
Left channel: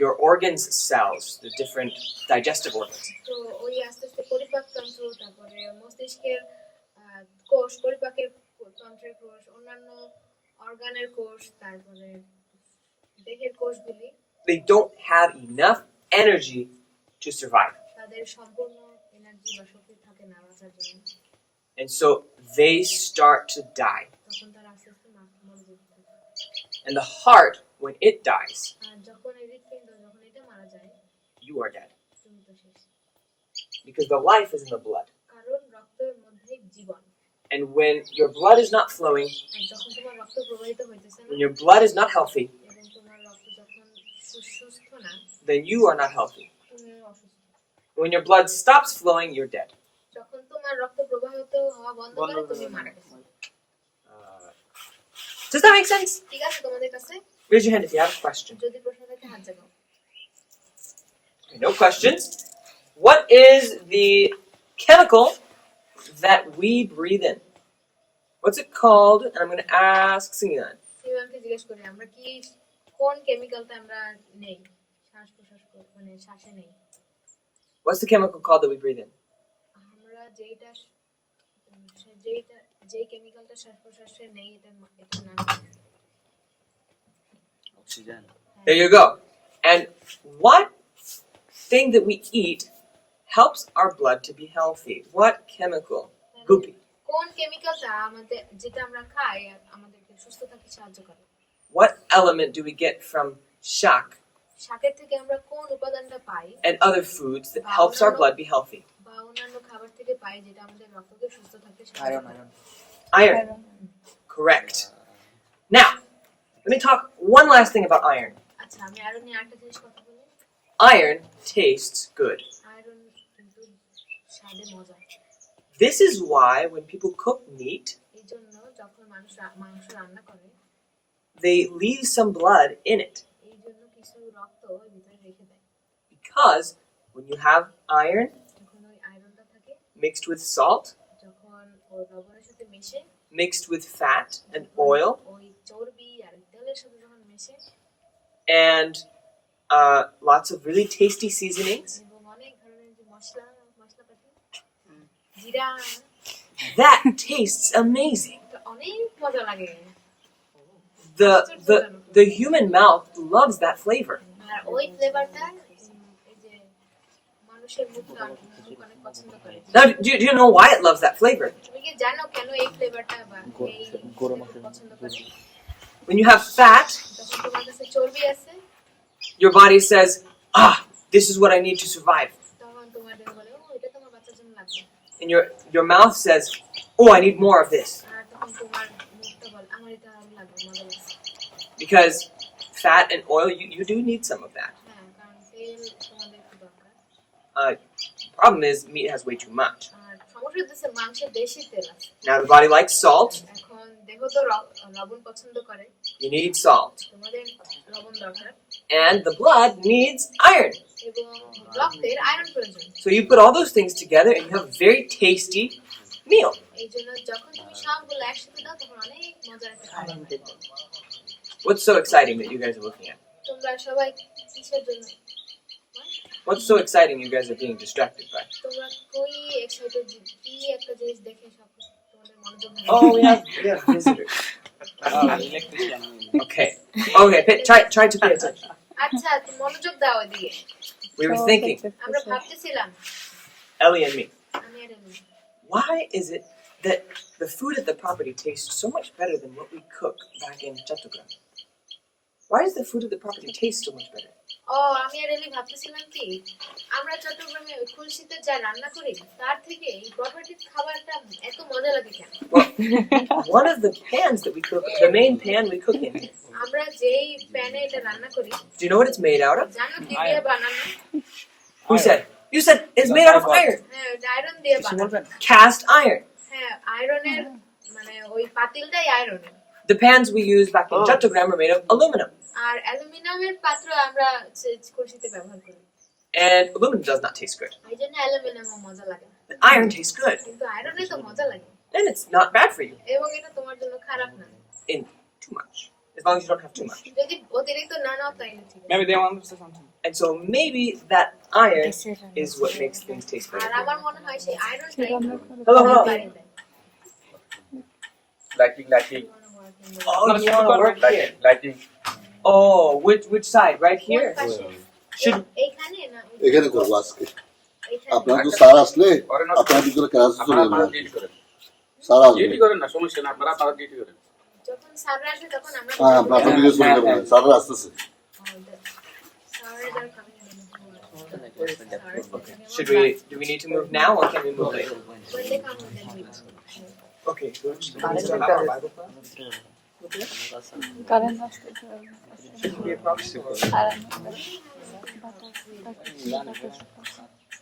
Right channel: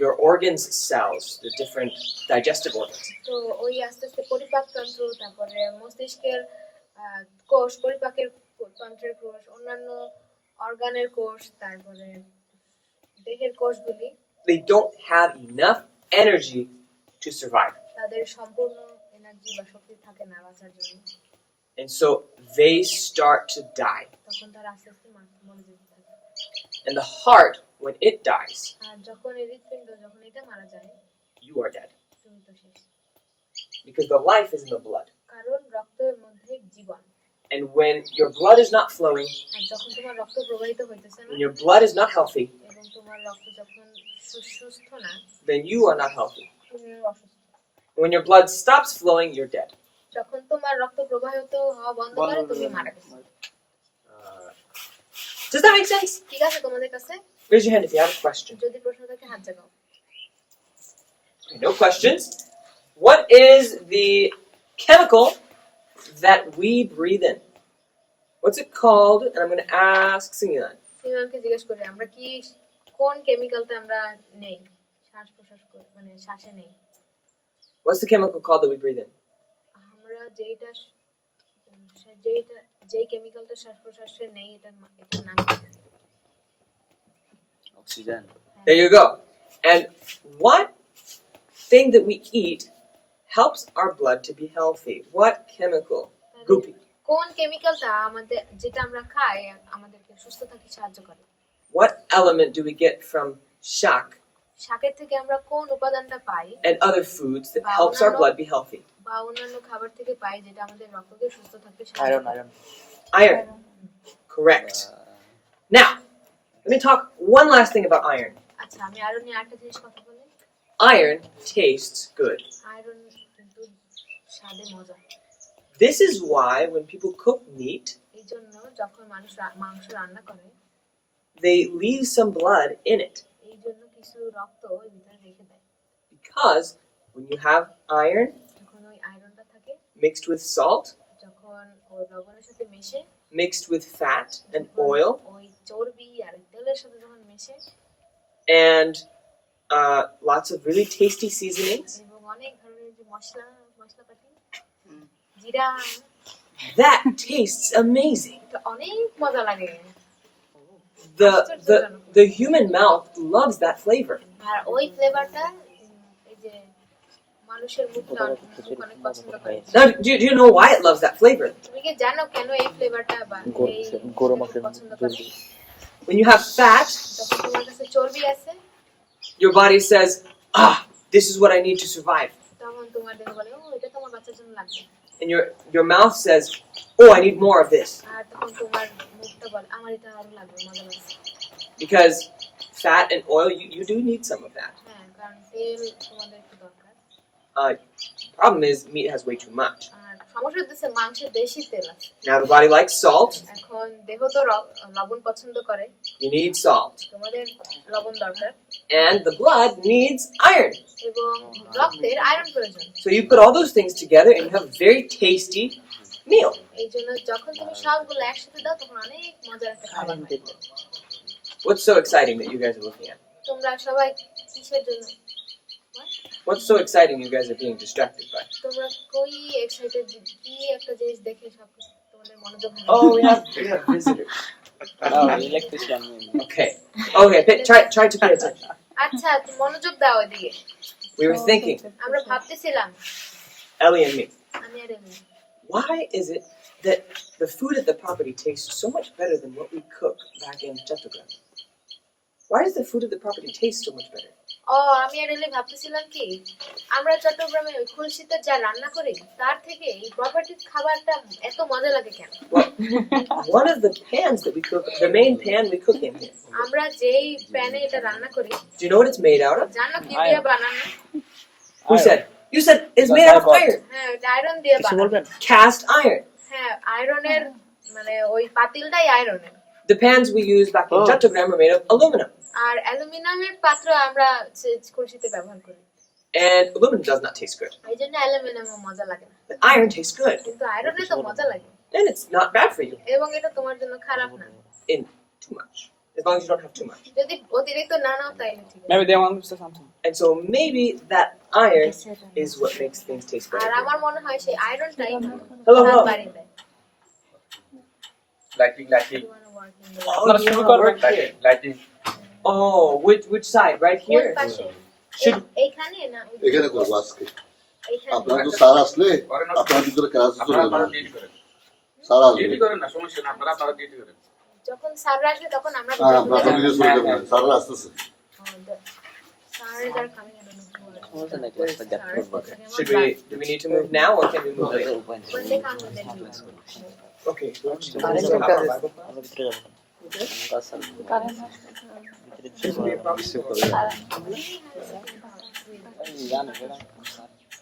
your organs cells, the different digestive organs, তো ওই আস্তে আস্তে পরিপাকতন্ত্র তারপরে মস্তিষ্কের কোষ পরিপাকের তন্ত্রের কোষ অন্যান্য অর্গানের কোষ তারপরে দেহের কোষগুলি they don't have enough energy to survive. তাদের সম্পূর্ণ এনার্জি বা শক্তি থাকে না বাঁচার জন্য And so they start to die. তখন তারা আস্তে আস্তে মরে যেতে থাকে And the heart, when it dies, আর যখন এই হৃৎপিণ্ড যখন এটা মারা যায় you are dead. তুমি তো শেষ Because the life is in the blood. কারণ রক্তের মধ্যে জীবন And when your blood is not flowing, আর যখন তোমার রক্ত প্রবাহিত হইতেছে না when your blood is not healthy, এবং তোমার রক্ত যখন সুস্থ না then you are not healthy. তুমি অসুস্থ When your blood stops flowing, you're dead. যখন তোমার রক্ত প্রবাহিত হওয়া বন্ধ করে তুমি মারা গেছো Does that make sense? ঠিক আছে তোমাদের কাছে Raise your hand if you have a question. যদি প্রশ্ন থাকে হাত জাগাও Okay, no questions. What is the chemical that we breathe in? What's it called? And I'm going to ask Singilan. সিমানকে জিজ্ঞেস করি আমরা কি কোন কেমিক্যালটা আমরা নেই শ্বাস প্রশ্বাস মানে শ্বাসে নেই What's the chemical called that we breathe in? আমরা যে কেমিক্যালটা শ্বাস প্রশ্বাসে নেই এটার নাম কি? Oxygen There you go. And what thing that we eat helps our blood to be healthy? What chemical? Goopy. কোন কেমিক্যালটা আমাদের যেটা আমরা খাই আমাদেরকে সুস্থ থাকতে সাহায্য করে What element do we get from shak শাকের থেকে আমরা কোন উপাদানটা পাই and other foods that helps our blood be healthy? বা অন্যান্য খাবার থেকে পাই যেটা আমাদের রক্তকে সুস্থ থাকতে সাহায্য আয়রন করে iron Iron. Correct. Now, let me talk one last thing about iron. আচ্ছা আমি আয়রন নিয়ে আরেকটা জিনিস কথা বলি Iron tastes good. আয়রন কিন্তু স্বাদে মজা This is why when people cook meat, এই জন্য যখন মানুষ মাংস রান্না করে they leave some blood in it. এই জন্য কিছু রক্ত ওই ভিতরে রেখে দেয় Because when you have iron, যখন ওই আয়রনটা mixed with salt, যখন ও লবণের সাথে মিশে mixed with fat and oil, ওই চর্বি আর তেলের সাথে যখন মিশে and lots of really tasty seasonings. এবং অনেক ধরনের যে মশলাপাতি জিরা That tastes amazing. এটা অনেক মজা লাগে The human mouth loves that flavor. আর ওই ফ্লেভারটা এই যে মানুষের মুখ অনেক পছন্দ করে Now, do you know why it loves that flavor? তুমি কি জানো কেন এই ফ্লেভারটা বা এই গরম পছন্দ করে When you have fat, যখন তোমার কাছে চর্বি আছে your body says, this is what I need to survive. তখন তোমার দেহ বলে ও এটা তো আমার বাচ্চার জন্য লাগবে And your mouth says, oh, I need more of this. আর তখন তোমার মুখটা বলে আমার এটা আরো লাগবে মজা লাগছে Because fat and oil, you do need some of that. হ্যাঁ কারণ তেল তোমাদের একটু দরকার Problem is, meat has way too much. আর সমস্যা হচ্ছে মাংসে বেশি তেল আছে Now, the body likes salt. এখন দেহ তো লবণ পছন্দ করে You need salt. তোমাদের লবণ দরকার And the blood needs iron. এবং রক্তের আয়রন প্রয়োজন So you put all those things together and you have a very tasty meal. এই জন্য যখন তুমি সবগুলো একসাথে দাও তখন অনেক মজার একটা খাবার হয়। What's so exciting that you guys are looking at? তোমরা সবাই কিসের জন্য What's so exciting you guys are being distracted by? তোমরা কই এক্সাইটেড কি একটা জিনিস দেখে সব তোমাদের মনোযোগ হারিয়ে Oh, we have visitors. Electrician Okay. Try to pay attention. আচ্ছা তুমি মনোযোগ দাও ওদিকে We were thinking, আমরা ভাবতেছিলাম Ellie and me, আমি আর এমনি why is it that the food at the property tastes so much better than what we cook back in Chattogram? Why does the food at the property taste so much better? ও আমি আর এলে ভাবতেছিলাম কি আমরা চট্টগ্রামে ওই খুলশিতে যা রান্না করি তার থেকে এই প্রপার্টির খাবারটা এত মজা লাগে কেন Well, one of the pans that we cook, the main pan we cook in here, আমরা যেই প্যানে এটা রান্না করি do you know what it's made out of? জানো কি দিয়ে বানানো Who said? You said it's made out of iron. হ্যাঁ ওটা আয়রন দিয়ে কিছু বানানো বলবেন Cast iron. হ্যাঁ আয়রনের মানে ওই পাতিলটাই আয়রনের The pans we use back in Chattogram are made of aluminum. আর অ্যালুমিনিয়ামের পাত্র আমরা খুলশিতে ব্যবহার করি And aluminum does not taste good. এই জন্য অ্যালুমিনিয়াম মজা লাগে না। But iron tastes good. কিন্তু আয়রনে তো মজা লাগে And it's not bad for you. এবং এটা তোমার জন্য খারাপ না In too much. As long as you don't have too much. যদি অতিরিক্ত না নাও তাইলে ঠিক আছে maybe they want to say something And so maybe that iron is what makes things taste আর better. আমার মনে হয় সেই আয়রনটাই Hello, স্বাদ hello. বাড়িয়ে দেয়। Lighting. You wanna work in the- Oh, you want to work here? Lighting. Oh, which side? Right কোন here? পাশে? Should- এইখানে না ওই- এখানে করবো আজকে এইখানে। আপনারা তো স্যার আসলে আপনারা ভিতরে ক্লাস চলে আপনারা যাবেন ডিউটি করেন স্যার আসবে ডিউটি করেন না সমস্যা না আপনারা ডিউটি করেন যখন স্যাররা আসবে তখন আমরা হ্যাঁ ভিতরে আপনারা ঢুকে ভিতরে চলে যাবো। যাবেন স্যাররা আসতেছে Sirens are coming in do we need to move now or can we move later? when they come then we move. Okay. Do we have our Bible class? আমরা ভিতরে যাবো কারণ Shouldn't be a problem.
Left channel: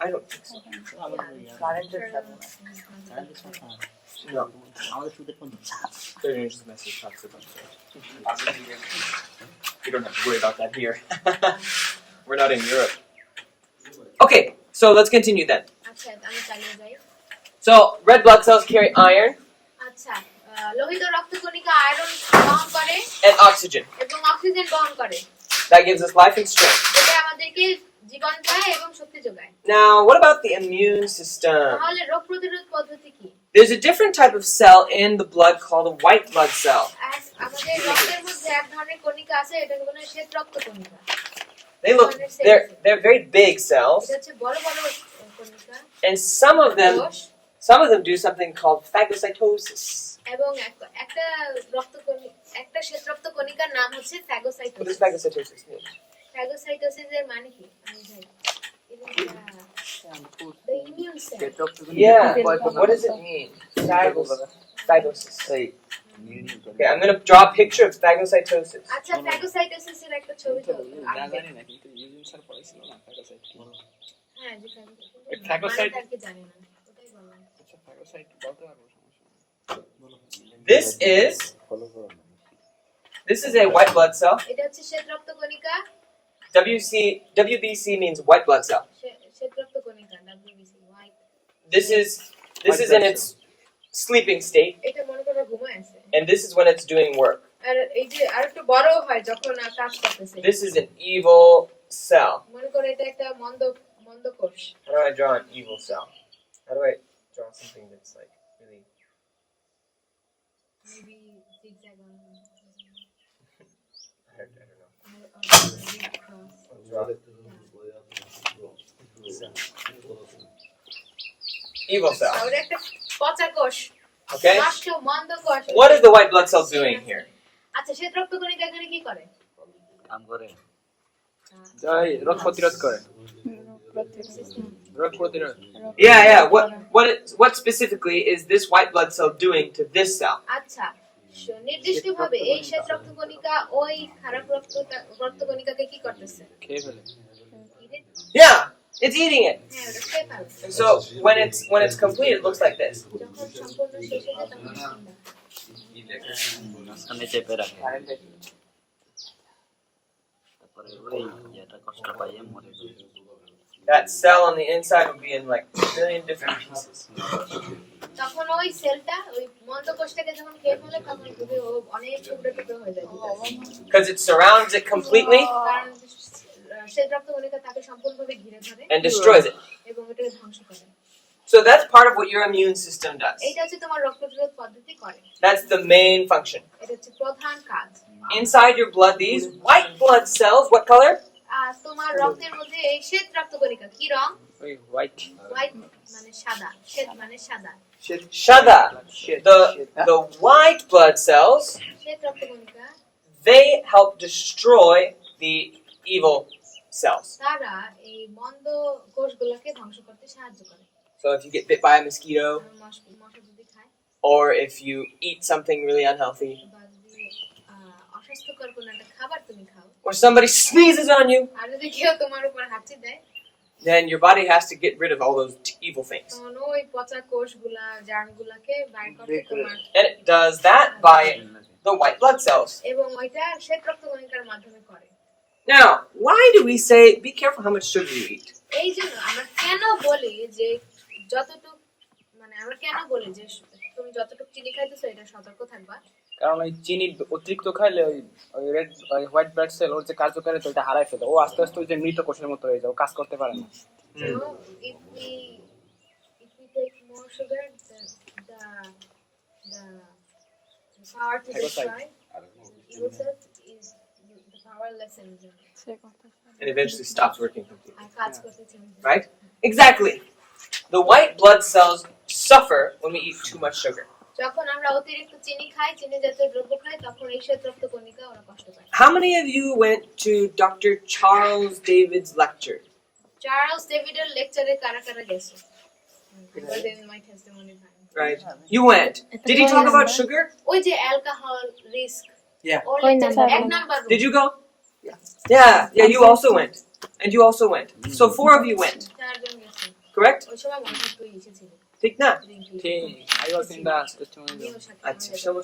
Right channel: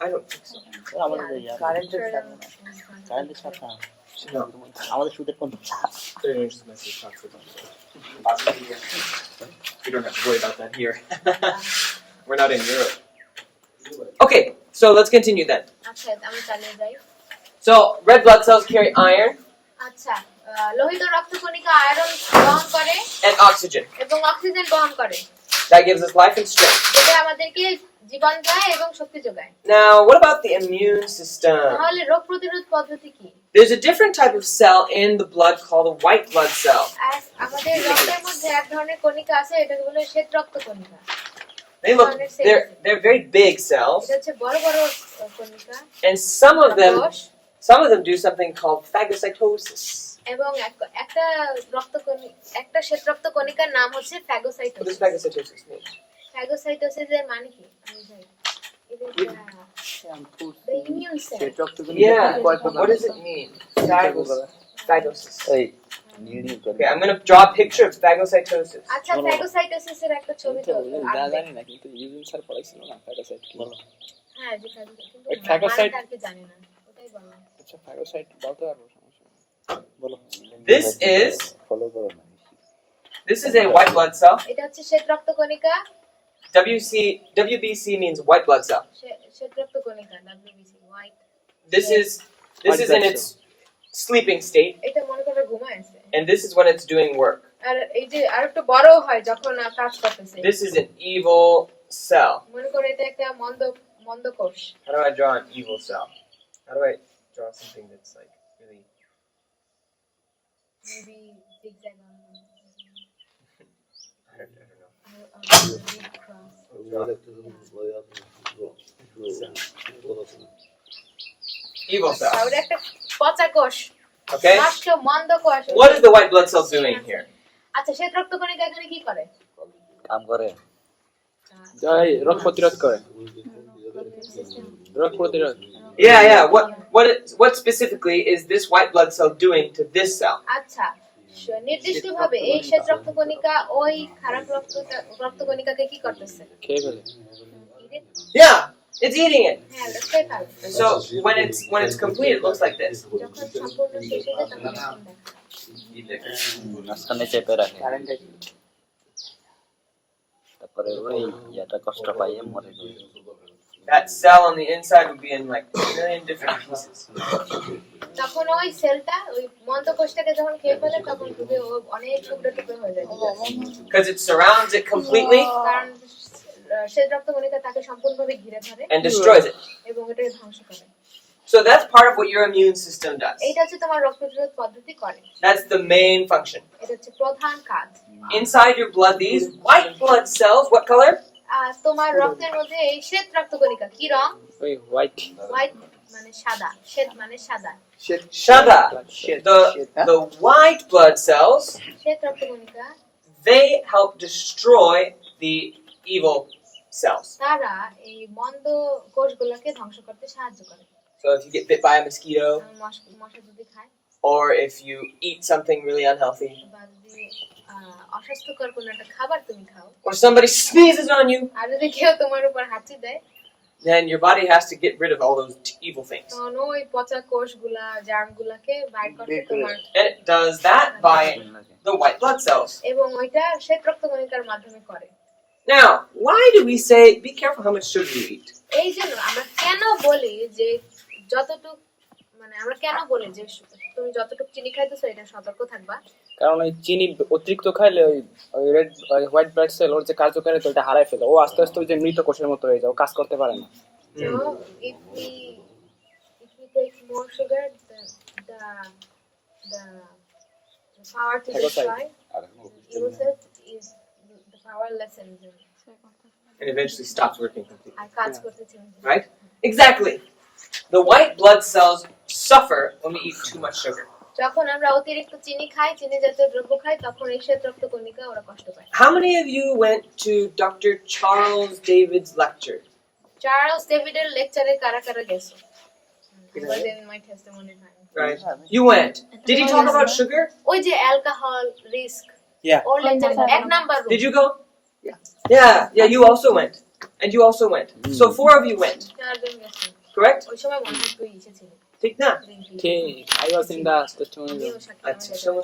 I don't think so. আমাদের কারেন্টের সাথে No. আমাদের সুদের কোন There's a message talks about that. You don't have to worry about that here. We're not in Europe. Okay, so let's continue then. আচ্ছা আমি চালিয়ে যাই So red blood cells carry iron আচ্ছা লোহিত রক্তকণিকা আয়রন বহন করে and oxygen. এবং অক্সিজেন বহন করে That gives us life and strength. এটা আমাদেরকে জীবন দেয় এবং শক্তি যোগায় Now, what about the immune system? তাহলে রোগ প্রতিরোধ পদ্ধতি কি There's a different type of cell in the blood called a white blood cell. আমাদের রক্তের মধ্যে এক ধরনের কণিকা আছে এটাকে বলে শ্বেত রক্তকণিকা They look they're very big cells, এটা হচ্ছে বড় বড় কণিকা and some of them do something called phagocytosis. এবং একটা একটা শ্বেত রক্তকণিকার নাম হচ্ছে What does phagocytosis phagocytosis mean? Phagocytosis এর মানে কি আমি জানি the immune cell Yeah. What does it mean? Phagocytosis. Okay, I'm going to draw a picture of phagocytosis. আচ্ছা ফ্যাগোসাইটোসিস এর একটা ছবি তো না জানি না কিন্তু ইউজিং স্যার পড়াইছিল না ফ্যাগোসাইট কি বলো হ্যাঁ জি কিন্তু ওই phagocyte- আর কি জানি না ওটাই বললাম আচ্ছা ফ্যাগোসাইট বলতে পারবো সমস্যা নেই। বলো ফলো করো না This is a white blood cell. এটা হচ্ছে শ্বেত রক্তকণিকা WBC means white blood cell. শ্বেত রক্তকণিকা WBC white this is in its sleeping state, এটা মনে করো ঘুমায় আছে and this is when it's doing work. আর এই যে আর একটু বড় হয় যখন কাজ করতেছে This is an evil cell. মনে করো এটা একটা মন্দ কোষ How do I draw an evil cell? How do I draw something that's like really? Maybe zigzag I don't know. Evil cell. তাহলে একটা পচা কোষ Okay. নষ্ট মন্দ কোষ What is the white blood cell doing here? আচ্ছা শ্বেত রক্তকণিকা এখানে কি করে কাম করে এই রোগ প্রতিরোধ করে রোগ প্রতিরোধ Yeah. What specifically is this white blood cell doing to this cell? আচ্ছা নির্দিষ্টভাবে এই শ্বেত রক্তকণিকা ওই খারাপ রক্তকণিকাকে কি করতেছে খেয়ে ফেলে Yeah, it's eating it. হ্যাঁ ওটা খেয়ে ফেলে And so when it's complete, it looks like this. যখন সম্পূর্ণ শেষ হয়ে যায় তখন এরকম দেখায়। মাঝখানে চেপে রাখে তারপরে ওই ইয়েটা কষ্ট পাই মরে যায় That cell on the inside will be in like a million different pieces. তখন ওই সেলটা ওই মন্দ কোষটাকে যখন খেয়ে ফেলে তখন থেকে ও অনেক টুকরো টুকরো হয়ে যায় Because it surrounds it completely কারণ শ্বেত রক্তকণিকা তাকে সম্পূর্ণভাবে ঘিরে ধরে and destroys it. এবং এটাকে ধ্বংস করে So that's part of what your immune system does. এইটা হচ্ছে তোমার রোগ প্রতিরোধ পদ্ধতি করে That's the main function. এটা হচ্ছে প্রধান কাজ Inside your blood, these white blood cells, what color? আর তোমার রক্তের মধ্যে এই শ্বেত রক্তকণিকা কি রং ওই হোয়াইট হোয়াইট মানে সাদা শ্বেত মানে সাদা Shada. The white blood cells, শ্বেত রক্তকণিকা they help destroy the evil cells. তারা এই মন্দ কোষগুলোকে ধ্বংস করতে সাহায্য করে So if you get bit by a mosquito, মশা যদি খায় or if you eat something really unhealthy, বা যদি অস্বাস্থ্যকর কোনো একটা খাবার তুমি খাও or somebody sneezes on you, আর যদি কেউ তোমার উপর হাঁচি দেয় then your body has to get rid of all those evil things. তখন ওই পচা কোষগুলা জার্মগুলাকে বাইর করতে তোমার And it does that by the white blood cells. এবং ওইটা শ্বেত রক্তকণিকার মাধ্যমে করে Now, why do we say be careful how much sugar you eat? এই জন্য আমরা কেন বলি যে যতটুকু মানে আমরা কেন বলি যে তুমি যতটুকু চিনি খাইতেছো এটা সতর্ক থাকবা কারণ ওই চিনি অতিরিক্ত খাইলে ওই রেড হোয়াইট ব্লাড সেল ওর যে কার্যকারিতা ওটা হারায় ফেলে ও আস্তে আস্তে ওই যে মৃত কোষের মতো হয়ে যায় ও কাজ করতে পারে না So if we take more sugar, the power to destroy evil cells is the power lessens And eventually stops working completely. আর কাজ করতে চাই Right? Exactly. The white blood cells suffer when we eat too much sugar. যখন আমরা অতিরিক্ত চিনি খাই চিনি জাতীয় দ্রব্য খাই তখন এই শ্বেত রক্তকণিকা ওরা কষ্ট পায় How many of you went to Dr. Charles David's lecture? Charles ডেভিডের লেকচারে কারা কারা গেছো was in my testimony time Right? You went. Did he talk about sugar? ওই যে অ্যালকোহল রিস্ক Yeah. ওর লেকচার এক number Did you go? Yeah, you also went. And you also went. So 4 of you went. চারজন গেছে Correct? ওই সময় মনে হয় তুই এসেছিলি Take that. ঠিক I was in the testimony আমিও সাথে Acha, shamo.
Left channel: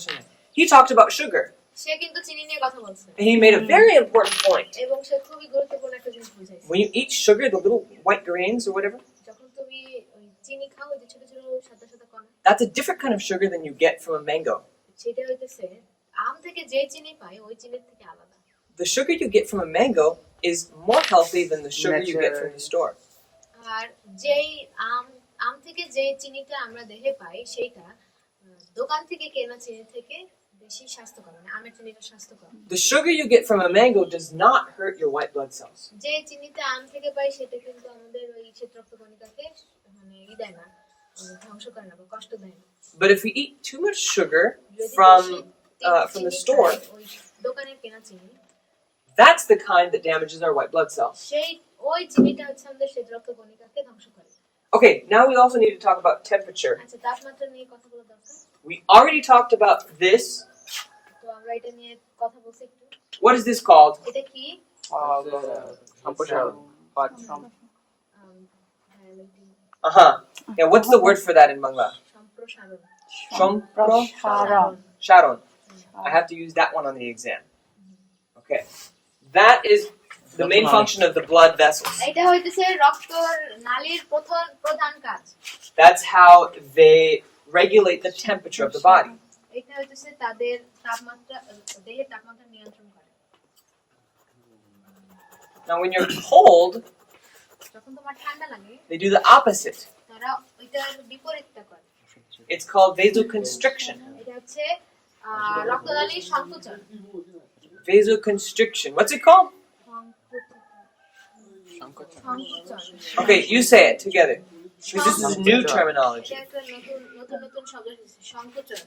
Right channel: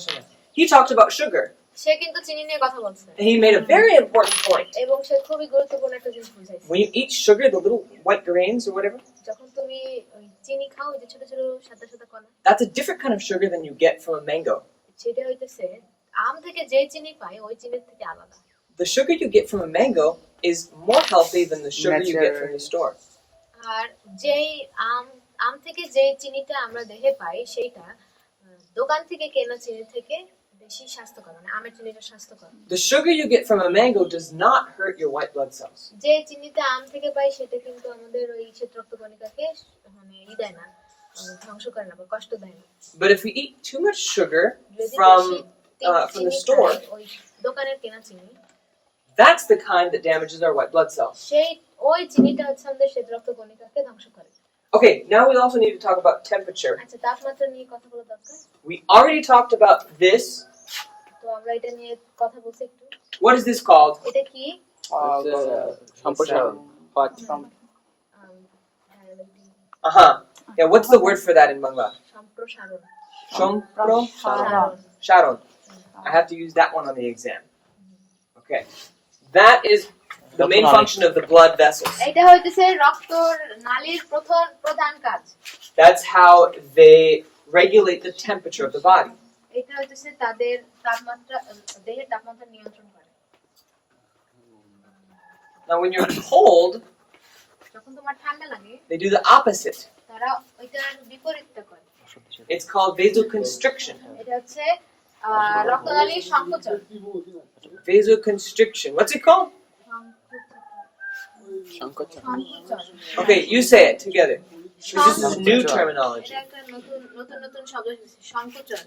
He talked about sugar. সে কিন্তু চিনি নিয়ে কথা বলছে And he made a very important point. এবং সে খুবই গুরুত্বপূর্ণ একটা জিনিস বুঝাইছে When you eat sugar, the little white grains or whatever, যখন তুমি ওই চিনি খাও ওই যে ছোট ছোট সাদা সাদা কণা that's a different kind of sugar than you get from a mango. সেটা হইতেছে আম থেকে যে চিনি পাই ওই চিনির থেকে আলাদা The sugar you get from a mango is more healthy than the sugar you get from the store. আর যেই আম থেকে যে চিনিটা আমরা দেহে পাই সেইটা দোকান থেকে কেনা চিনি থেকে বেশি স্বাস্থ্যকর মানে আমের চিনিটা স্বাস্থ্যকর The sugar you get from a mango does not hurt your white blood cells. যে চিনিটা আম থেকে পাই সেটা কিন্তু আমাদের ওই শ্বেত রক্তকণিকাকে মানে দেয় না ধ্বংস করে না বা কষ্ট দেয় না But if we eat too much sugar যদি from বেশি the চিনি store, খাই, ওই দোকানের কেনা চিনি that's the kind that damages our white blood cells. সেই ওই চিনিটা হচ্ছে আমাদের শ্বেত রক্তকণিকাকে ধ্বংস করে Okay, now we also need to talk about temperature. আচ্ছা তাপমাত্রা নিয়ে কথা বলা দরকার We already talked about this. তো আমরা এটা নিয়ে কথা বলছি একটু What is this called? এটা কি সম্প্রসারণ Uh-huh. Yeah, what's the word for that in Bangla? সম্প্রসারণ Shompro? সারণ Sharon. I have to use that one on the exam. Okay. That is the main function of the blood vessels. এটা হইতেছে রক্তর নালীর প্রধান কাজ। That's how they regulate the temperature of the body. এটা হইতেছে তাদের তাপমাত্রা দেহের তাপমাত্রা নিয়ন্ত্রণ করে। Now, when you're cold, যখন তোমার ঠান্ডা লাগে they do the opposite. তারা ওইটার বিপরীতটা করে। It's called vasoconstriction. এটা হচ্ছে রক্তনালীর সংকোচন। Vasoconstriction. What's it called? সংকোচন। Okay, you say it together. Because this is new terminology. এটা একটা নতুন শব্দ এসেছে, সংকোচন।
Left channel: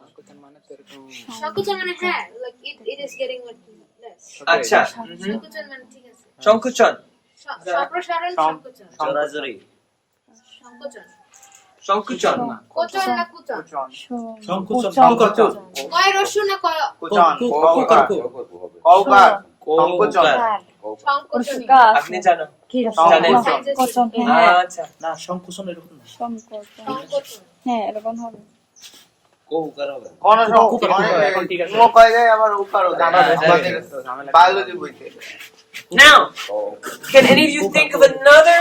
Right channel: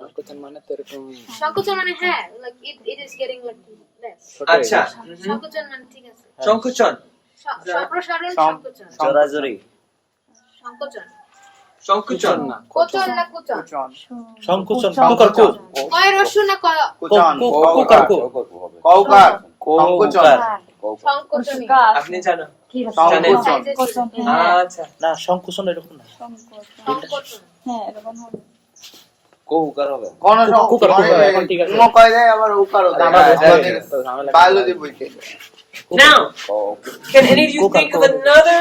সংকোচন মানে তো এরকম সংকোচন মানে হ্যাঁ, like it is getting like less. Acha. সংকোচন মানে ঠিক আছে। Shonkuchon. সম্প্রসারণ সংকোচন। জোরাজোরি সংকোচন। Shonkuchon. কোচন না কুচন? সংকুচন কয় রস্যু না কয় কুকার কু কৌকার কোকার সংকোচনী? আপনি জানো? জানেন? সাইজের আচ্ছা। না সংকুচন এরকম না সংকোচন। হ্যাঁ এরকম হবে। কোকার হবে কোন কুকার এখন ঠিক আছে। কোন কয় দেয় আবার উকারও দেয় ঝামেলা বায়োলজি বইতে। Now, can any of you think of another?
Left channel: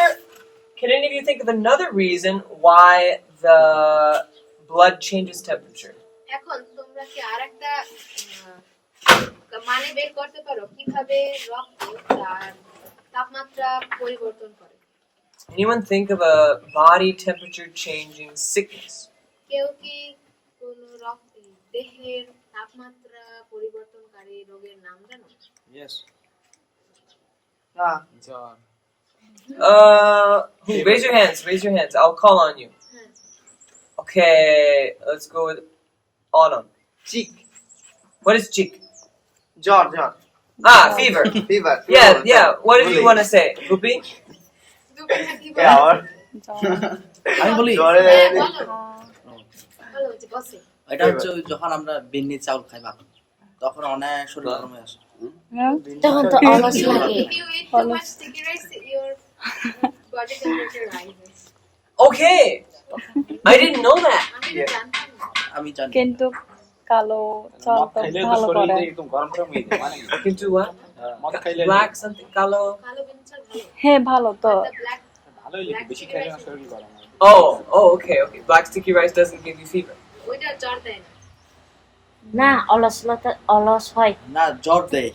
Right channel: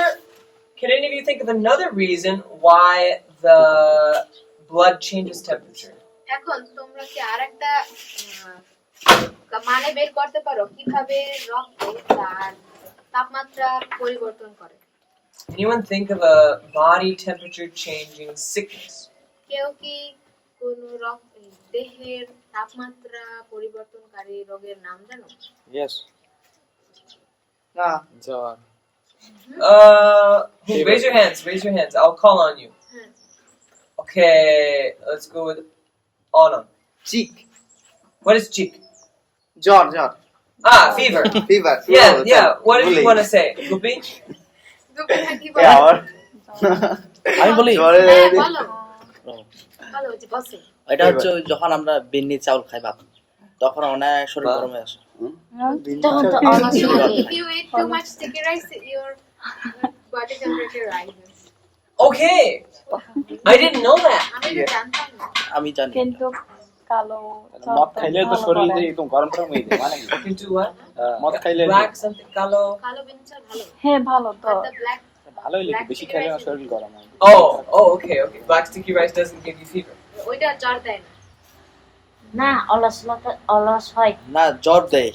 Can any of you think of another reason why the blood changes temperature? এখন তোমরা কি আরেকটা মানে বের করতে পারো কিভাবে রক্ত তার তাপমাত্রা পরিবর্তন করে? Anyone think of a body temperature changing sickness? কেউ কি কোন দেহের তাপমাত্রা পরিবর্তনকারী রোগের নাম জানো? ইয়েস না জ্বর Who? Raise your hands. Raise your hands. I'll call on you. হ্যাঁ, Okay, let's go with Autumn. Chick What is cheek? জ্বর জ্বর Ah, fever. Fever Yeah. What did you want to say? Guppy? দুপুরে কি বলো? আমি বলি হ্যাঁ, বলো বলো যে বসে। এটা হচ্ছে ওই যখন আমরা বিন্নি চাউল খাই ভাত তখন অনেক শরীর গরম হয়ে আসে If you eat too much sticky rice, your body temperature rises. Okay. I didn't know that. আমি এটা জানতাম না। আমি জানি কিন্তু কালো মদ খাইলে তো শরীর এরকম গরম গরম হয়ে যায় মানে কি? I can do what? মদ খাইলে Black something. Kalo. কালো বিনচাল ভালো। হ্যাঁ ভালো তো But the black ভালোই লাগে বেশি খাইলে না শরীর গরম হয় Okay. Black sticky rice doesn't give you fever. ওইটা জ্বর দেয় না। না অলস হয় না জ্বর দেয়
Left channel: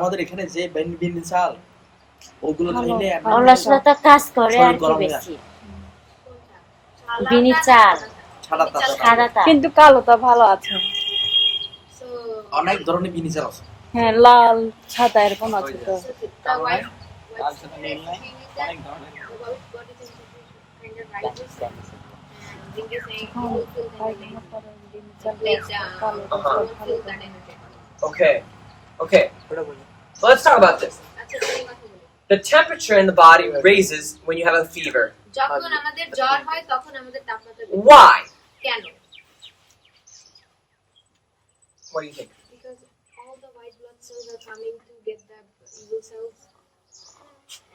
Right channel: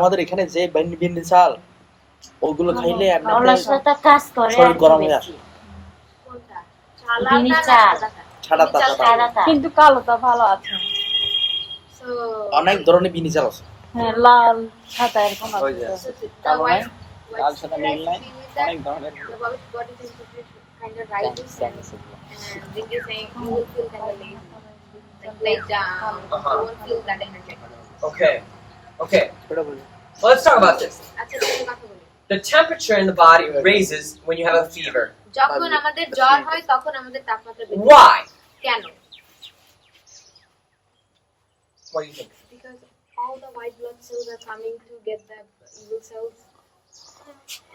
আমাদের এখানে যে বিন্নি চাল ওগুলো খাইলে অলসতা কাজ করে শরীর গরম হয়ে আসে কোনটা? বিনি চালাটা না চাল। সাদাটা? ছাড়া তা সাদাটা কিন্তু কালোটা ভালো আছে। So অনেক ধরনের বিন্নি চাল আছে হ্যাঁ লাল সাদা এরকম আছে তো। the white লাল সাদা নীল নাই being with that, অনেক ধরনের the body temperature kind of rises and when you say you will feel kind of late down, you won't feel that energetic. Okay. Well, let's talk about this. আচ্ছা তুমি কথা বলো। The temperature in the body raises when you have a fever. যখন আমাদের জ্বর হয় তখন আমাদের তাপমাত্রা বেড়ে যায়। Why? কেন? What do you think? Because all the white blood cells are coming to get the evil cells,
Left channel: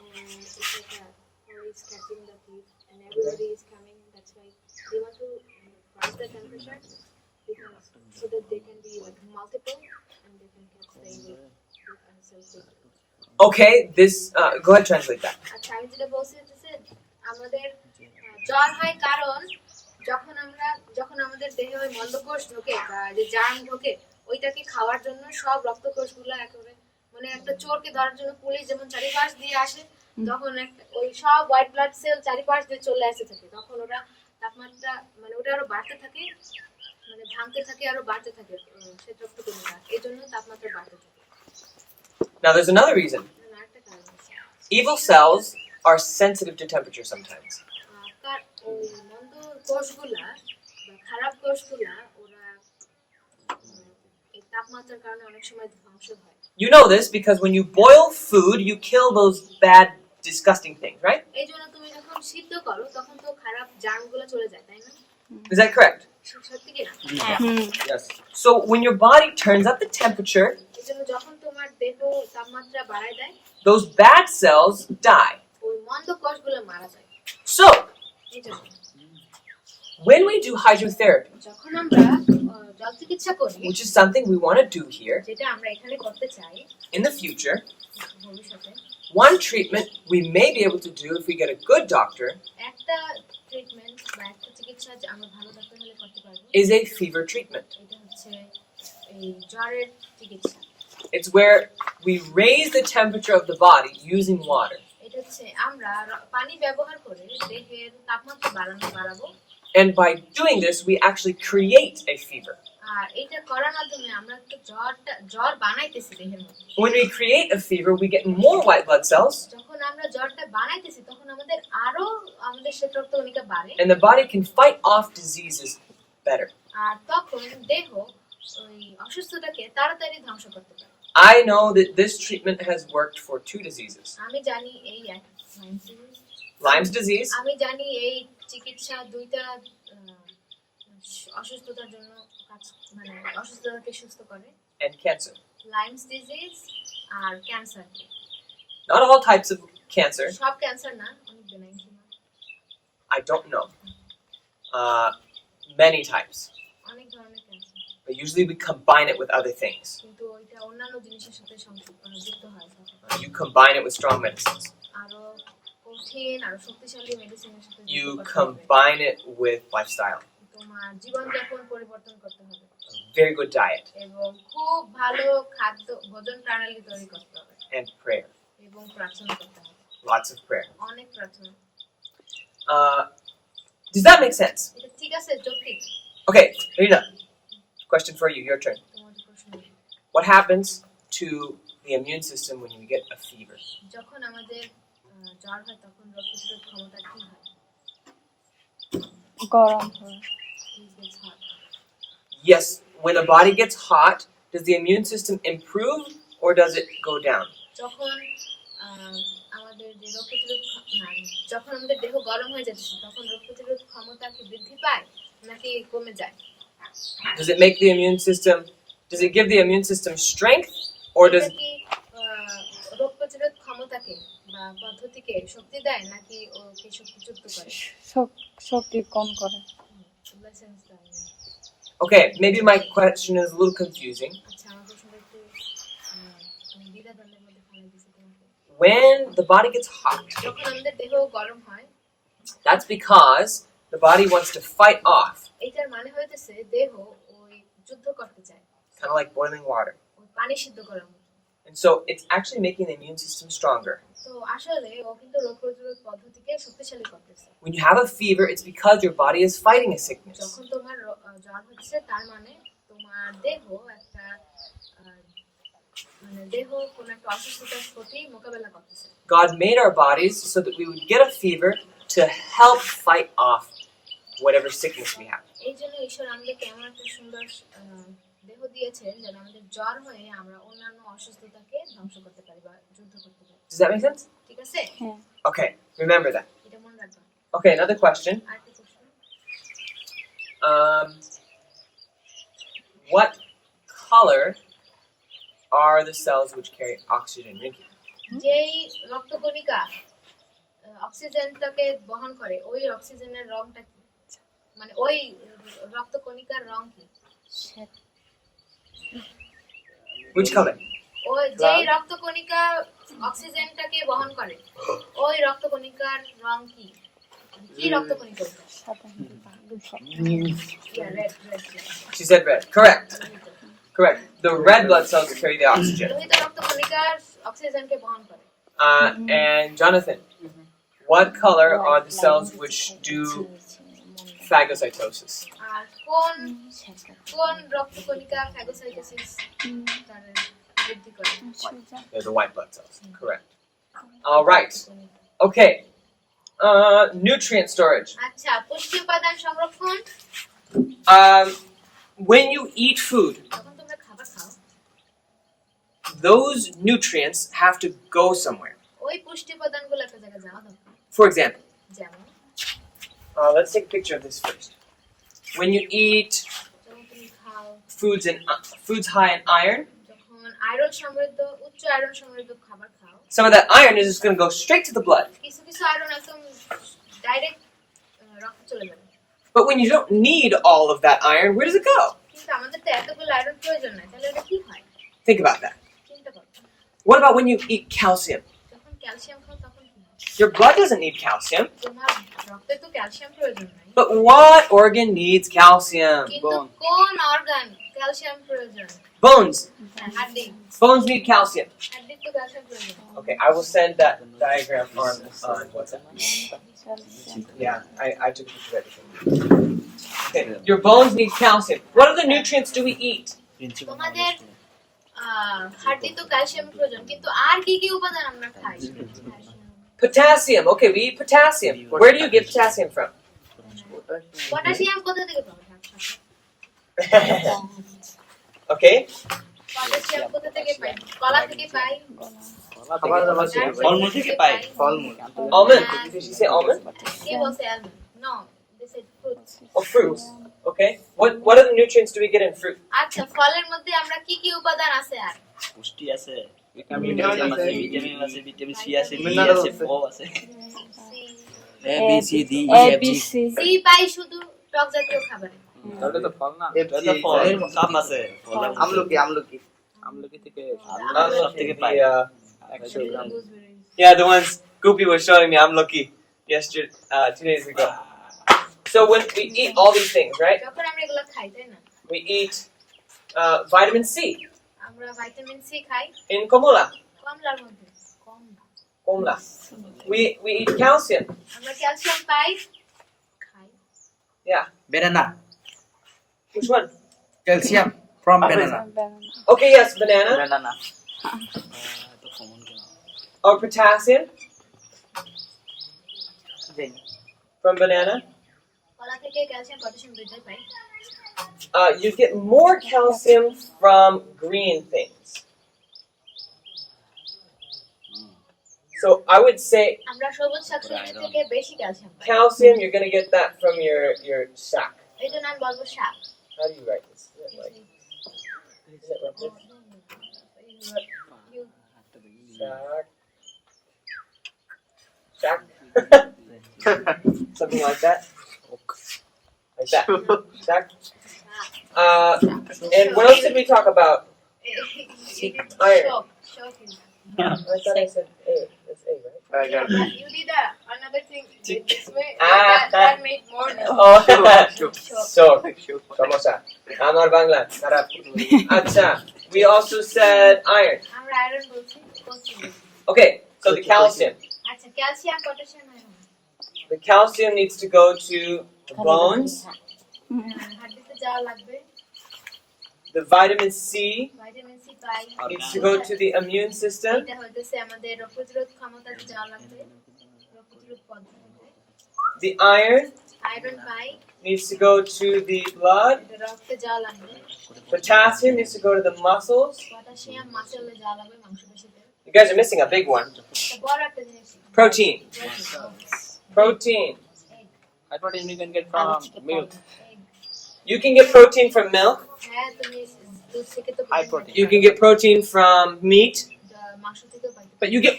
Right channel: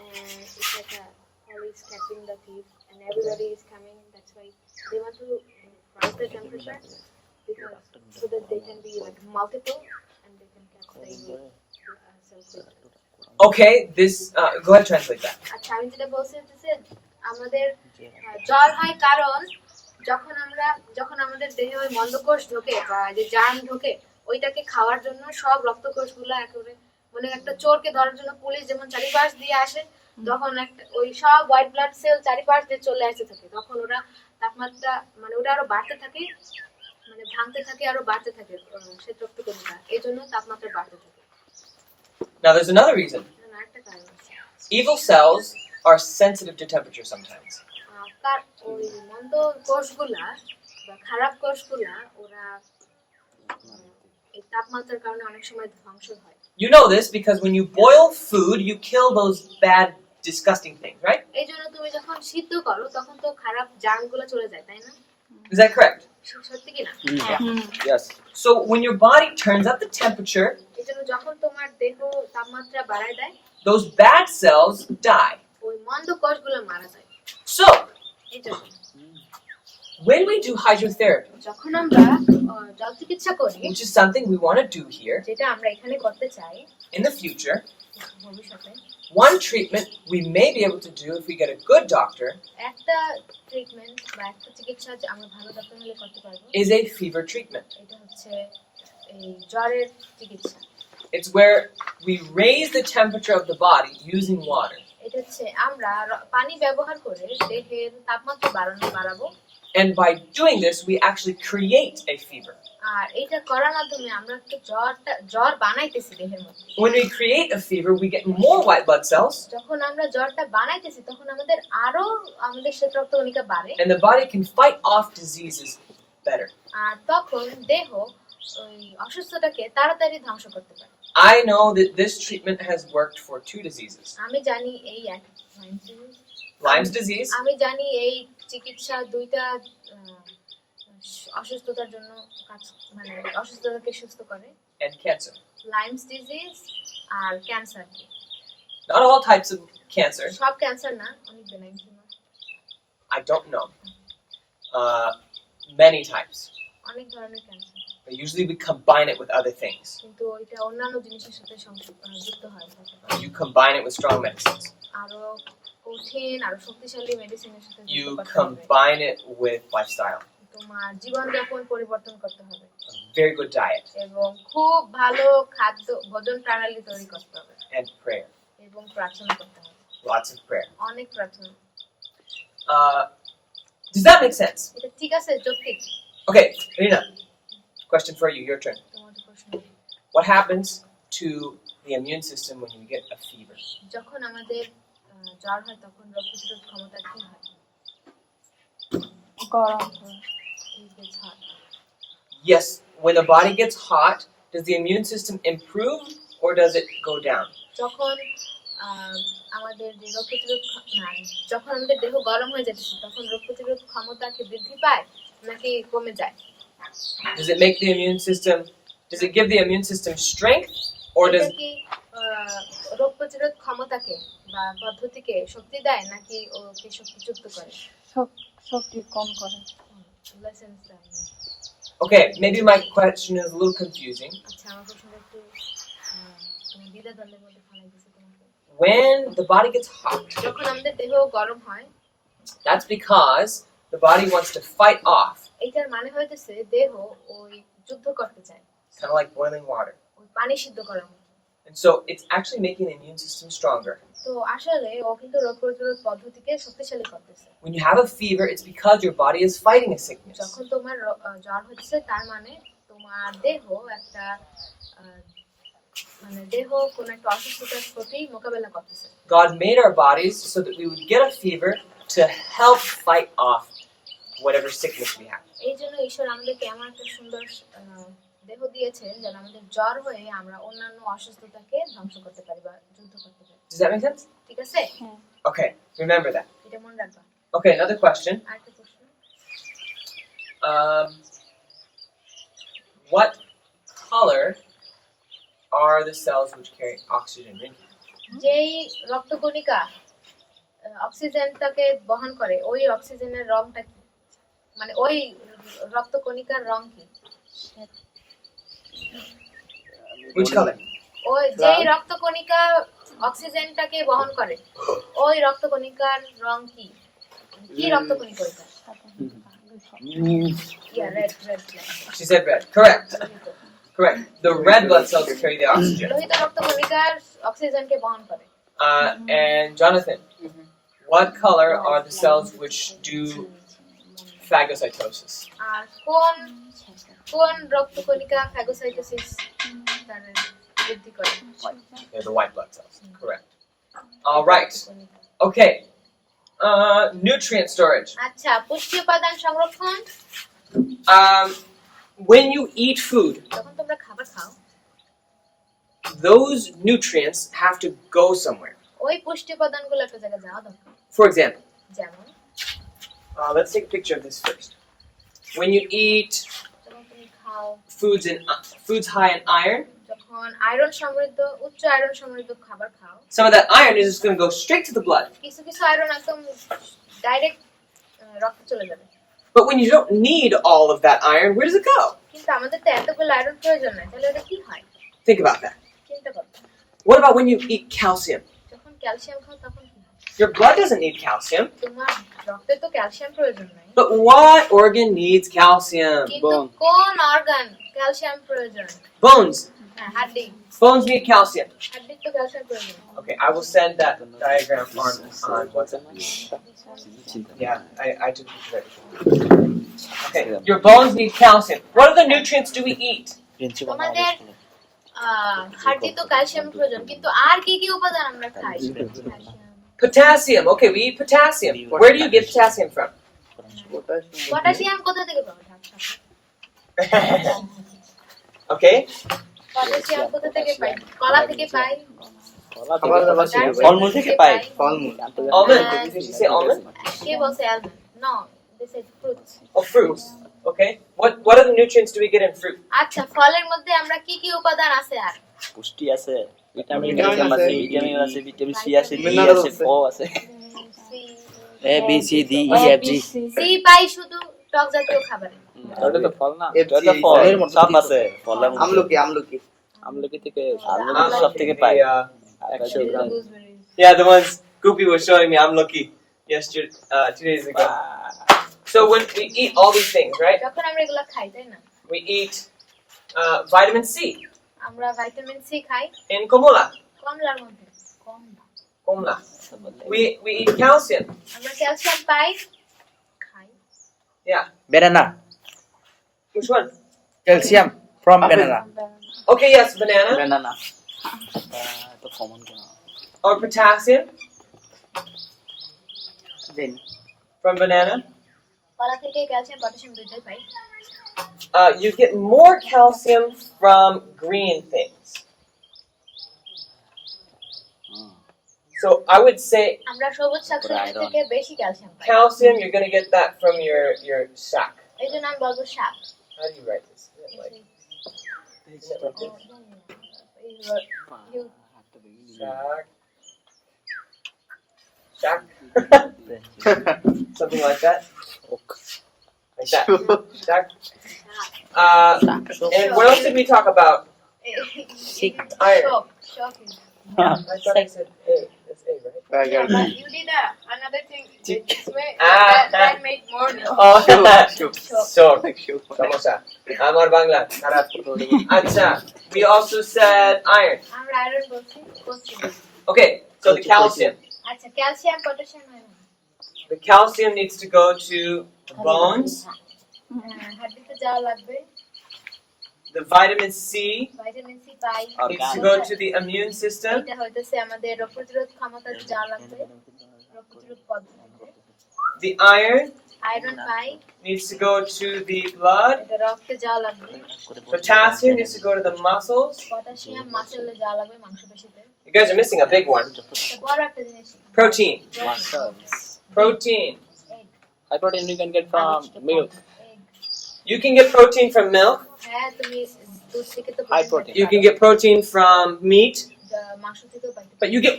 and it's like a police catching the thief, and everybody is coming. That's why they want to rise the temperature because so that they can be like multiple and they can catch the evil cells. Okay, this. Go ahead, translate that. আচ্ছা আমি যেটা বলছি হচ্ছে আমাদের জ্বর হয় কারণ যখন আমাদের দেহে ওই মন্দকোষ ঢোকে বা যে জার্ম ঢোকে ওইটাকে খাওয়ার জন্য সব রক্তকোষগুলো একেবারে মানে একটা চোরকে ধরার জন্য পুলিশ যেমন চারিপাশ দিয়ে আসে তখন একটা ওই সব হোয়াইট ব্লাড সেল চারিপাশ দিয়ে চলে আসতে থাকে তখন ওরা তাপমাত্রা মানে ওটা আরো বাড়তে থাকে মানে ভাঙতে থাকে আরো বাড়তে থাকে সে রক্তকণিকা এই জন্য তাপমাত্রা বাড়তে থাকে। Now, there's another reason. আরেকটা কারণ আছে Evil cells are sensitive to temperature sometimes. তার ওই মন্দ কোষগুলা বা খারাপ কোষগুলা ওরা এই তাপমাত্রার কারণে অনেক সময় ধ্বংস হয়। You know this because when you boil food, you kill those bad, disgusting things, right? এই জন্য তুমি যখন সিদ্ধ করো তখন তো খারাপ জার্মগুলো চলে যায় তাই না? Is that correct? সত্যি কি না? Yes So when your body turns up the temperature, এই জন্য যখন তোমার দেহ তাপমাত্রা বাড়ায় দেয় those bad cells die. ওই মন্দ কোষগুলো মারা যায় So এই জন্য When we do hydrotherapy, যখন আমরা জল চিকিৎসা করি, which is something we want to do here যেটা আমরা এখানে করতে চাই in the future, ভবিষ্যতে, one treatment we may be able to do if we get a good doctor একটা ট্রিটমেন্ট বা একটা চিকিৎসা যে আমরা ভালো ডাক্তার হলে করতে পারবো, is a fever treatment. এটা হচ্ছে এই জ্বরের চিকিৎসা। It's where we raise the temperature of the body using water. এটা হচ্ছে আমরা পানি ব্যবহার করে দেহের তাপমাত্রা বাড়াবো, And by doing this, we actually create a fever. আর এটা করার মাধ্যমে আমরা একটু জ্বর বানাইতেছি দেহের মধ্যে। When we create a fever, we get more white blood cells, যখন আমরা জ্বরটা বানাইতেছি তখন আমাদের শ্বেত রক্তকণিকা বাড়ে, and the body can fight off diseases better. আর তখন দেহ ওই অসুস্থতাকে তাড়াতাড়ি ধ্বংস করতে পারে। I know that this treatment has worked for 2 diseases. আমি জানি এই Lyme's disease আমি জানি এই চিকিৎসা দুইটা অসুস্থতার জন্য মানে অসুস্থতাকে সুস্থ করে, and cancer. লাইমস ডিজিজ আর cancer. Not all types of cancer, সব ক্যান্সার না, অনেক benign tumour, I don't know. Many types. অনেক ধরনের cancer, But usually we combine it with other things. কিন্তু এটা অন্যান্য জিনিসের সাথে যুক্ত হয়। You combine it with strong medicines. আরো কঠিন আরো শক্তিশালী মেডিসিনের সাথে যুক্ত You করতে হবে। combine it with lifestyle. তোমার জীবনযাপন পরিবর্তন করতে হবে A very good diet এবং খুব ভালো খাদ্য ভোজন প্রণালী তৈরি করতে হবে and prayer. এবং প্রার্থনা করতে হবে, Lots of prayer. অনেক প্রার্থনা। Does that make sense? এটা ঠিক আছে, যৌক্তিক? Okay, Irina. Question for you. Your turn. তোমাদের প্রশ্ন, What happens to the immune system when we get a fever? যখন আমাদের জ্বর হয় তখন রোগ প্রতিরোধ ক্ষমতা কি হয়? গরম হয়। It gets hot. Yes, when the body gets hot, does the immune system improve or does it go down? যখন আমাদের যে রোগ প্রতিরোধ যখন আমাদের দেহ গরম হয়ে যাচ্ছে তখন রোগ প্রতিরোধ ক্ষমতা কি বৃদ্ধি পায় নাকি কমে যায়? Does it make the immune system, does it give the immune system strength or does এটা কি রোগ প্রতিরোধ ক্ষমতাকে বা পদ্ধতিকে শক্তি দেয় নাকি ওকে শক্তিযুক্ত করে? শক্তি কম করে। Lessons দেয়। Okay, maybe my question is a little confusing. আচ্ছা, আমার প্রশ্নটা একটু তোমার দ্বিধাদ্বন্দ্বের মধ্যে ফেলে দিয়েছে তোমাকে। When the body gets hot, যখন আমাদের দেহ গরম হয়, that's because the body wants to fight off, এটার মানে হইতেছে দেহ ওই যুদ্ধ করতে চায়, kind of like boiling water. ওই পানি সিদ্ধ করার মতো। And so it's actually making the immune system stronger. তো আসলে ও কিন্তু রোগ প্রতিরোধ পদ্ধতিকে শক্তিশালী করতেছে। When you have a fever, it's because your body is fighting a sickness. যখন তোমার জ্বর হচ্ছে তার মানে তোমার দেহ একটা মানে দেহ কোন একটা অসুস্থতার প্রতি মোকাবেলা করতেছে। God made our bodies so that we would get a fever to help fight off whatever sickness we have. এই জন্য ঈশ্বর আমাদেরকে এমন একটা সুন্দর দেহ দিয়েছেন যেন আমাদের জ্বর হয়ে আমরা অন্যান্য অসুস্থতাকে ধ্বংস করতে পারি বা যুদ্ধ করতে পারি। Does that make sense? ঠিক আছে? Okay, remember that. এটা মনে রাখবা। Okay, another question. আর কি প্রশ্ন? What color are the cells which carry oxygen? Rinki? যেই রক্তকণিকা অক্সিজেনটাকে বহন করে ওই অক্সিজেনের রংটা কি? মানে ওই রক্তকণিকার রং কি? Which color? ওই যেই রক্তকণিকা অক্সিজেনটাকে বহন করে ওই রক্তকণিকার রং কি? কি রক্তকণিকা ওইটা? Yeah, red. She said red. Correct. Correct. The red blood cells carry the oxygen. লোহিত রক্তকণিকার অক্সিজেনকে বহন করে। And Jonathan, what color are the cells which do phagocytosis? আর কোন রক্তকণিকা ফ্যাগোসাইটোসিস তার বৃদ্ধি করে? They're the white blood cells. Correct. All right. Okay. Nutrient storage. আচ্ছা, পুষ্টি উপাদান সংরক্ষণ। When you eat food, যখন তোমরা খাবার খাও those nutrients have to go somewhere. ওই পুষ্টি উপাদানগুলো একটা জায়গায় যাওয়া দরকার। For example, যেমন let's take a picture of this first. When you eat যখন তুমি খাও, foods high in iron, যখন আয়রন সমৃদ্ধ উচ্চ আয়রন সমৃদ্ধ খাবার খাও, some of that iron is just going to go straight to the blood. কিছু আয়রন একদম ডাইরেক্ট রক্তে চলে যাবে। But when you don't need all of that iron, where does it go? কিন্তু আমাদের তো এতগুলো আয়রন প্রয়োজন নাই, তাহলে এটা কি হয়? Think about that. চিন্তা করো। What about when you eat calcium? যখন ক্যালসিয়াম খাও তখন কি হয়? Your blood doesn't need calcium. তোমার রক্তে তো ক্যালসিয়াম প্রয়োজন নাই, But what organ needs calcium? কিন্তু কোন অর্গান ক্যালসিয়াম প্রয়োজন? Bones. হ্যাঁ, হাড্ডি। Bones need calcium. হাড্ডির তো ক্যালসিয়াম প্রয়োজন। Okay, I will send that diagram on WhatsApp. Yeah, I took a picture of everything. Okay, your bones need calcium. What other nutrients do we eat? তোমাদের হাড্ডি তো ক্যালসিয়াম প্রয়োজন, কিন্তু আর কি কি উপাদান আমরা খাই? Potassium. Okay, we eat potassium. Where do you get potassium from? Potassium কোথা থেকে পাবো? Okay, পটাশিয়াম কোথা থেকে পাই? কলা থেকে পাই, ফলমূল থেকে পাই। almond. Did you say almond? কে বলছে almond? No, this is fruits. Oh, fruits. Okay. What other nutrients do we get in fruit? আচ্ছা, ফলের মধ্যে আমরা কি কি উপাদান আছে আর? পুষ্টি আছে, ভিটামিন আছে, ভিটামিন আছে, ভিটামিন সি আছে, ডি Mineral আছে, আছে। ও আছে। C A B C D E F G. C পাই শুধু টক জাতীয় খাবারে। ওটা তো ফল না। FG, এটা ফল সব আছে, ফলের মধ্যে। আমলকি আমলকি থেকে আমলকি সব থেকে পাই। Yeah, the ones Goopy was showing me. I'm lucky. Yesterday, 2 days ago. So when we eat all these things, right? যখন আমরা এগুলো খাই, তাই না? We eat vitamin C আমরা ভিটামিন সি খাই in Komula. কমলার মধ্যে। কমলা। Komla. We eat calcium. আমরা ক্যালসিয়াম পাই খাই। Yeah. banana, Which one? calcium from banana. Okay, yes, banana. banana তো কমন কেন? Or potassium then from banana. কলা থেকে ক্যালসিয়াম পটাশিয়াম দুটোই পাই। You get more calcium from green things. So I would say আমরা সবুজ শাকসবজি থেকে বেশি ক্যালসিয়াম পাই। calcium. You're gonna get that from your sack. এই জন্য আমি বলবো শাক। How do you write this? Is it like this? Shack. Something like that. Like that. Shack. And what else did we talk about? Iron. Shock. I thought I said A. It's A, right? Yeah, but you did another thing this way Ah. that made more now. Oh, Shock. so samosa. Amar Bangla. Kharab. Acha. We also said iron. আমরা iron বলছি, বলছি। Okay, so the calcium. আচ্ছা, calcium potassium iron The calcium needs to go to the bones. হাড্ডিতে যাওয়া লাগবে। The vitamin C vitamin C পাই, needs to go to the immune system. এটা হইতেছে আমাদের রোগ প্রতিরোধ ক্ষমতা যাওয়া লাগবে, রোগ প্রতিরোধ পদ্ধতি। The iron iron pi, needs to go to the blood. এটা রক্তে যাওয়া লাগবে। Potassium needs to go to the muscles. Potassium মাসেলে যাওয়া লাগবে, মাংসপেশিতে। You guys are missing a big one. এটা বড় একটা জিনিস। Protein. Protein. High protein you can get from milk. You can get protein from milk. হ্যাঁ, তুমি দুধ থেকে তো High protein. You can get protein from meat, মাংস থেকেও পাই, but you get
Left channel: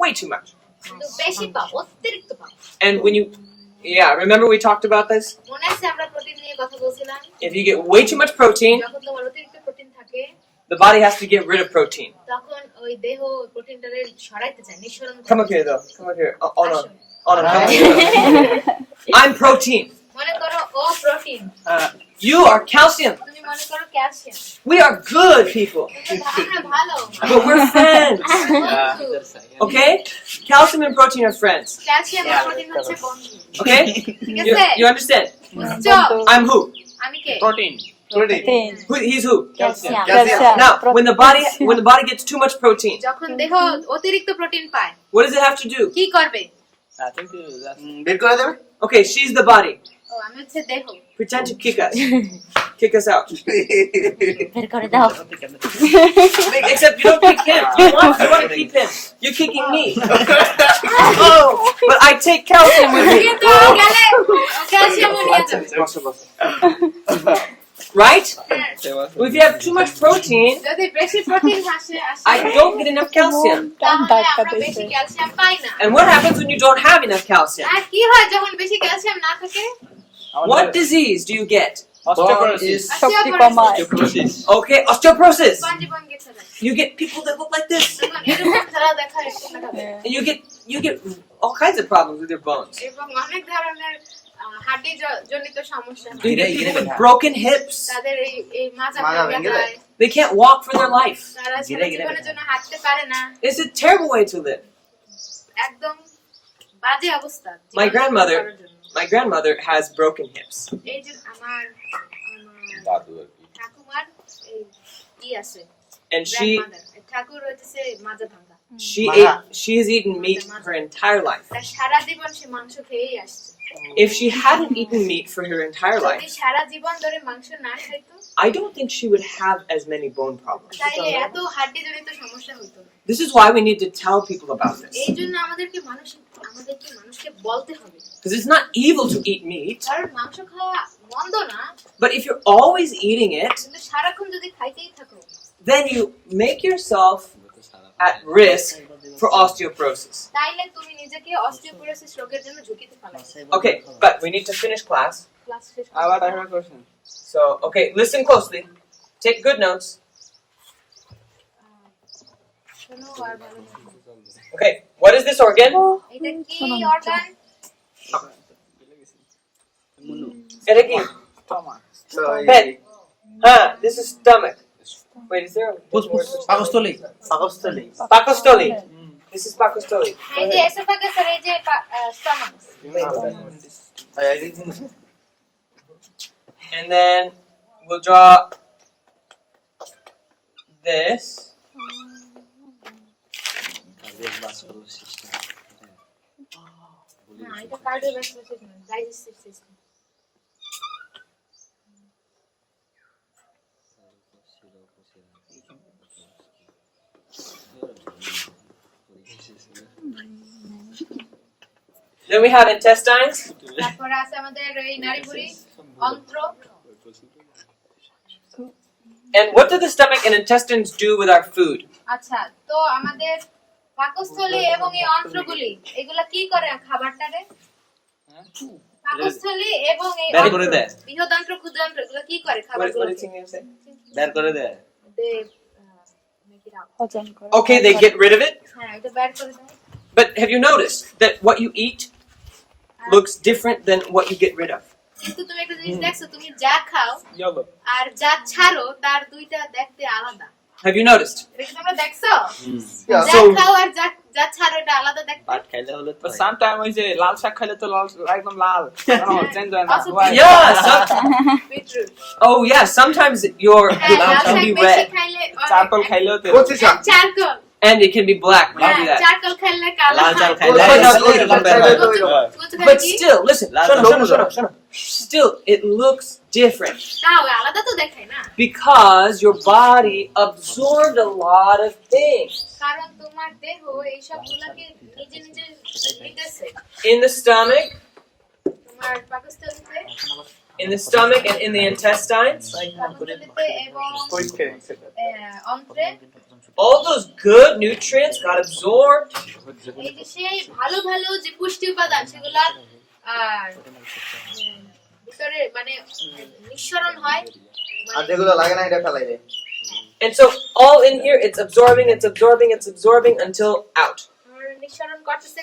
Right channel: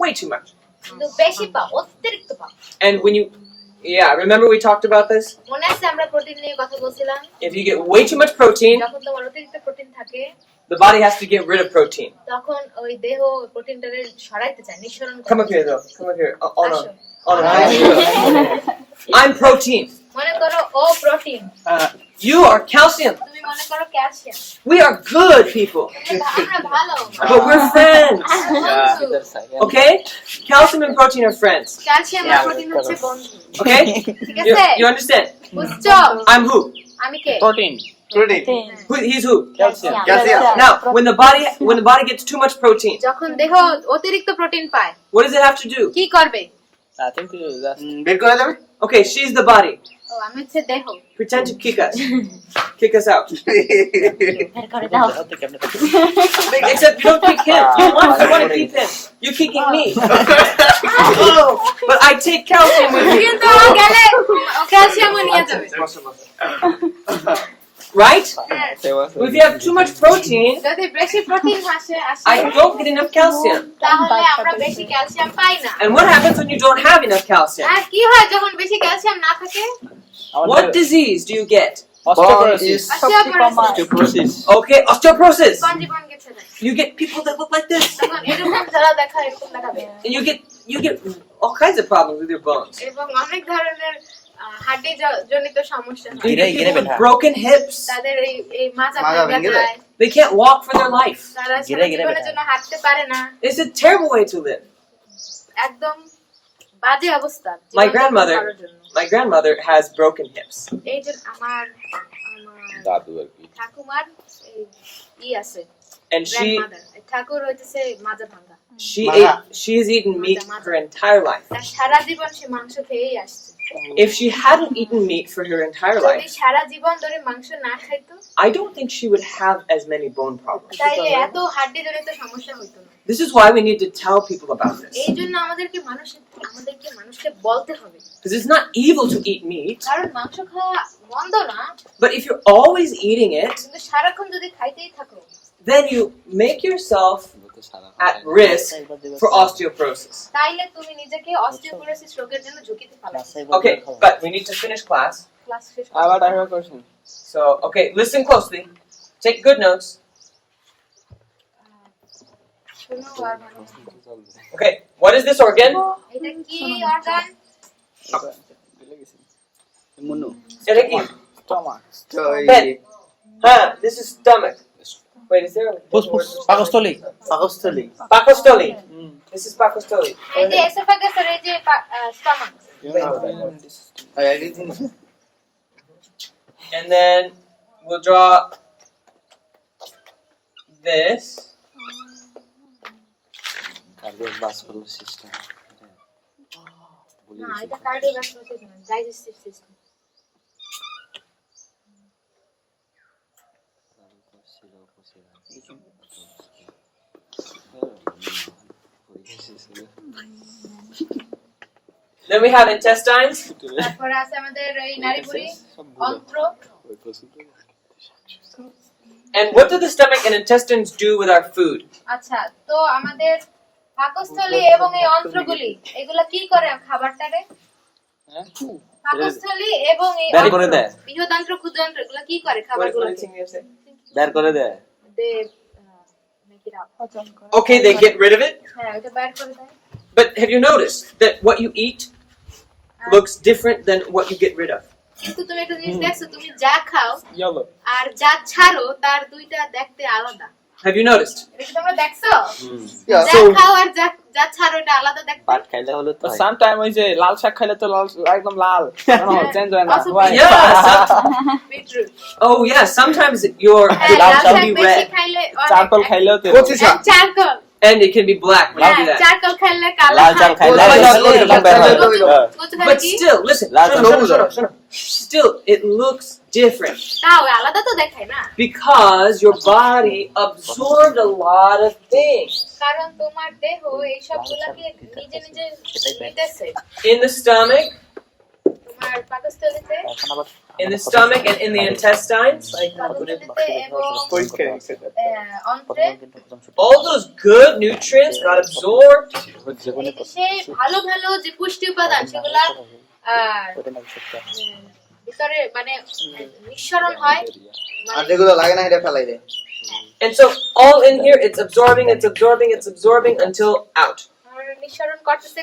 way too much. কিন্তু বেশি পাও, অতিরিক্ত পাও। And when you, yeah, remember we talked about this? মনে আছে আমরা প্রোটিন নিয়ে কথা বলছিলাম? If you get way too much protein, যখন তোমার অতিরিক্ত প্রোটিন থাকে, the body has to get rid of protein. তখন ওই দেহ প্রোটিনটারে সরাইতে চায়, নিঃসরণ Come up করতে here চায়। though. Come up here. Oh no. Oh no. Come here. I'm protein. মনে করো ও প্রোটিন, You are calcium. তুমি মনে করো calcium. We are good people. আমরা ভালো, But we're friends. বন্ধু। Okay? Calcium and protein are friends. Calcium আর protein হচ্ছে বন্ধু। Okay? ঠিক You, আছে? you understand? বুঝছো? I'm who? আমি কে? Protein. He's who? calcium Now, when the body gets too much protein, যখন দেহ অতিরিক্ত প্রোটিন পায়, what does it have to do? কি করবে? I think that's বের করে দেবে Okay, she's the body. ও আমি হচ্ছে দেহ। Pretend to kick us. Kick us out. বের করে দাও। Except you don't kick him. You want to keep him. You're kicking me. Oh, but I take calcium with me. কিন্তু ও গেলে ক্যালসিয়ামও নিয়ে যাবে। Right? If you have too much protein, যদি বেশি প্রোটিন আসে I don't get enough calcium. তাহলে আমরা বেশি ক্যালসিয়াম পাই না। And what happens when you don't have enough calcium? আর কি হয় যখন বেশি ক্যালসিয়াম না থাকে? What disease do you get? Osteoporosis. Osteoporosis. Okay, osteoporosis. স্পঞ্জিবন গেছে You get people that look like this. তখন এরকম যারা দেখা এরকম দেখাবে And you get all kinds of problems with your bones. এবং অনেক ধরনের হাড্ডি জনিত সমস্যা হয়। You Gire, get gire people with betha. broken hips. তাদের এই মাজা মাজা ভেঙে ভেঙে যায়, They can't walk for their life. তারা গিরে সারা গিরে জীবনের বেটা। জন্য হাঁটতে পারে না, It's a terrible way to live. একদম বাজে অবস্থা My জীবন grandmother, কাটানোর জন্য। my grandmother has broken hips. এই যে আমার দাদু আর কি ঠাকুমার এই আছে And grandmother, ঠাকুর হইতেছে মাজা ভাঙা, she has eaten meat her entire life. তার সারা জীবন সে মাংস খেয়েই আসছে। If she hadn't eaten meat for her entire যদি life, সারা জীবন ধরে মাংস না খাইতো I don't think she would have as many bone problems. তাইলে এত হাড্ডি জনিত সমস্যা হইতো না। This is why we need to tell people about this. এই জন্য আমাদেরকে মানুষকে বলতে হবে, Because it's not evil to eat meat, কারণ মাংস খাওয়া মন্দ না, but if you're always eating it, কিন্তু সারাক্ষণ যদি খাইতেই থাকো then you make yourself at risk for osteoporosis. তাইলে তুমি নিজেকে অস্টিওপোরোসিস রোগের জন্য ঝুঁকিতে ফেলাবে। Okay, but we need to finish class. Class শেষ But I have করো। a question. So, okay, listen closely. Take good notes. শোনো আর ভালো করে শোনো। Okay, what is this organ? এটা কি অর্গান? Munu. এটা কি? Stomach. তো এই Head. This is stomach. Wait, is there a Pus pus. Pakostoli. পাকস্থলী Pakostoli. This is Pakostoli. এই যে এসোফাগাস আর এই যে stomach, And then we'll draw this. Cardiovascular system. না এটা cardiovascular system, digestive system. Then we have intestines. তারপরে আছে আমাদের এই নাড়িভুঁড়ি, অন্ত্র। And what do the stomach and intestines do with our food? আচ্ছা, তো আমাদের পাকস্থলী এবং এই অন্ত্রগুলি এগুলা কি করে খাবারটারে? পাকস্থলী এবং এই বের করে অন্ত্র, দেয়। বৃহদান্ত্র ক্ষুদ্রান্ত্র এগুলা কি করে What খাবারগুলো? did Singh say? বের করে দেয়। দে make it out. হজম করে। Okay, they get rid of it. হ্যাঁ, এটা বের করে দেয়। But have you noticed that what you eat looks different than what you get rid of? কিন্তু তুমি একটা জিনিস দেখছো, তুমি যা খাও Yellow. আর যা ছাড়ো তার দুইটা দেখতে আলাদা। Have you noticed? এটা কি তোমরা দেখছো? যা So- খাও আর যা ছাড়ো এটা আলাদা দেখতে। পাট খাইলে হলো তো But হয়। sometimes ওই যে লাল শাক খাইলে তো লাল একদম লাল চেঞ্জ হয় না Also White. Yeah. Beetroot. Oh yeah. Sometimes your হ্যাঁ, লাল can শাক be বেশি red, খাইলে চারকোল খাইলেও তো কচি শাক charcoal. and it can be black when you do হ্যাঁ, that. চারকোল খাইলে কালো লাল চাল হয়। খাইলে লাল খাইলে লাল বের হয়। কচু খাইলে But কি? still, listen. Last Shut up, time. shut up, shut up, shut up. Still, it looks different তাও আলাদা তো দেখায় না, because your body absorbed a lot of things. কারণ তোমার দেহ এই সবগুলাকে নিজে নিজে নিতেছে। In the stomach, তোমার পাকস্থলীতে, এখন আবার in the stomach, and in the intestines. পাকস্থলীতে এবং পরিষ্কার অন্ত্রে All those good nutrients got absorbed. এই যে সেই ভালো ভালো যে পুষ্টি উপাদান সেগুলা ভিতরে মানে নিঃসরণ হয়, আর মানে যেগুলো লাগে না এটা ফেলাই দেয় And so all in here, it's absorbing until out. নিঃসরণ করতেছে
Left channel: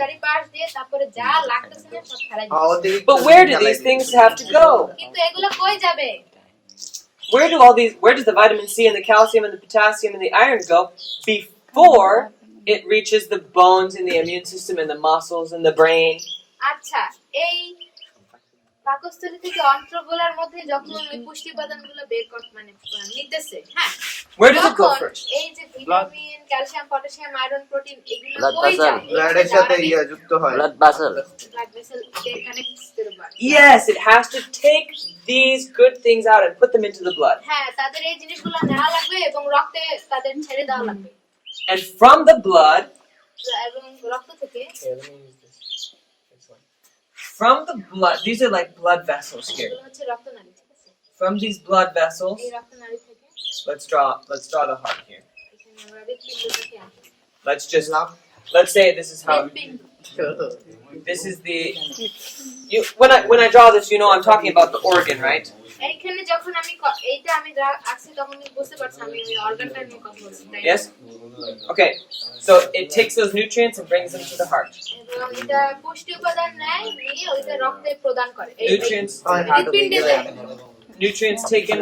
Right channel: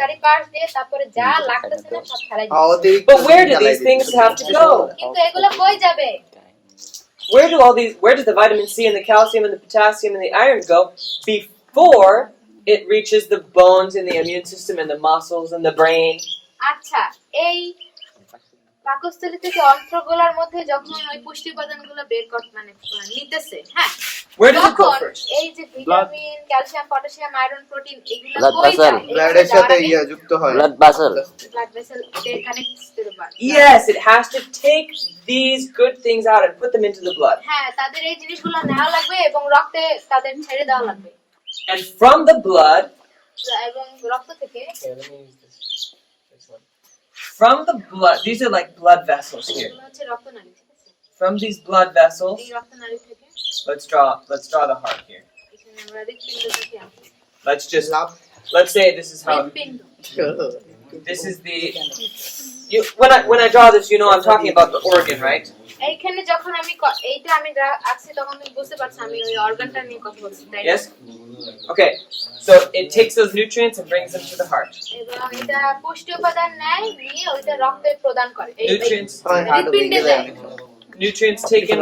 চারিপাশ দিয়ে, তারপরে যা লাগতেছে না সব ফেলাই দিচ্ছে। অতিরিক্ত But where do these things have to go? কিন্তু এগুলো কই যাবে? Where does the vitamin C and the calcium and the potassium and the iron go before it reaches the bones and the immune system and the muscles and the brain? আচ্ছা, এই পাকস্থলী থেকে অন্ত্রগুলোর মধ্যে যখন ওই পুষ্টি উপাদানগুলো বের কর মানে নিতেছে, হ্যাঁ, Where does it go তখন first? এই যে vitamin, calcium, potassium, iron, protein এগুলো Blood কই vessel. যায়? ব্লাডের সাথে যুক্ত হয় blood vessel. Blood vessel connects to the blood. Yes, it has to take these good things out and put them into the blood. হ্যাঁ, তাদের এই জিনিসগুলো নেওয়া লাগবে এবং রক্তে তাদের ছেড়ে দেওয়া লাগবে, And from the blood, এবং রক্ত থেকে from the blood, these are like blood vessels here. এগুলো হচ্ছে রক্তনালী, ঠিক আছে? From these blood vessels, এই রক্তনালী থেকে let's draw the heart here. এখানে আমরা হৃৎপিণ্ডটাকে আঁকি। Let's say this is how হৃৎপিণ্ড, this is the when I draw this, you know I'm talking about the organ, right? এইখানে যখন আমি এইটা আমি আঁকছি তখন তুমি বুঝতে পারছো আমি ওই অর্গানটা নিয়ে কথা বলছি তাই না? Yes? Okay. So it takes those nutrients and brings them to the heart. এবং এটা পুষ্টি উপাদান নেয় নিয়ে ওইটা রক্তে প্রদান করে Nutrients হৃৎপিণ্ডে যায় nutrients taken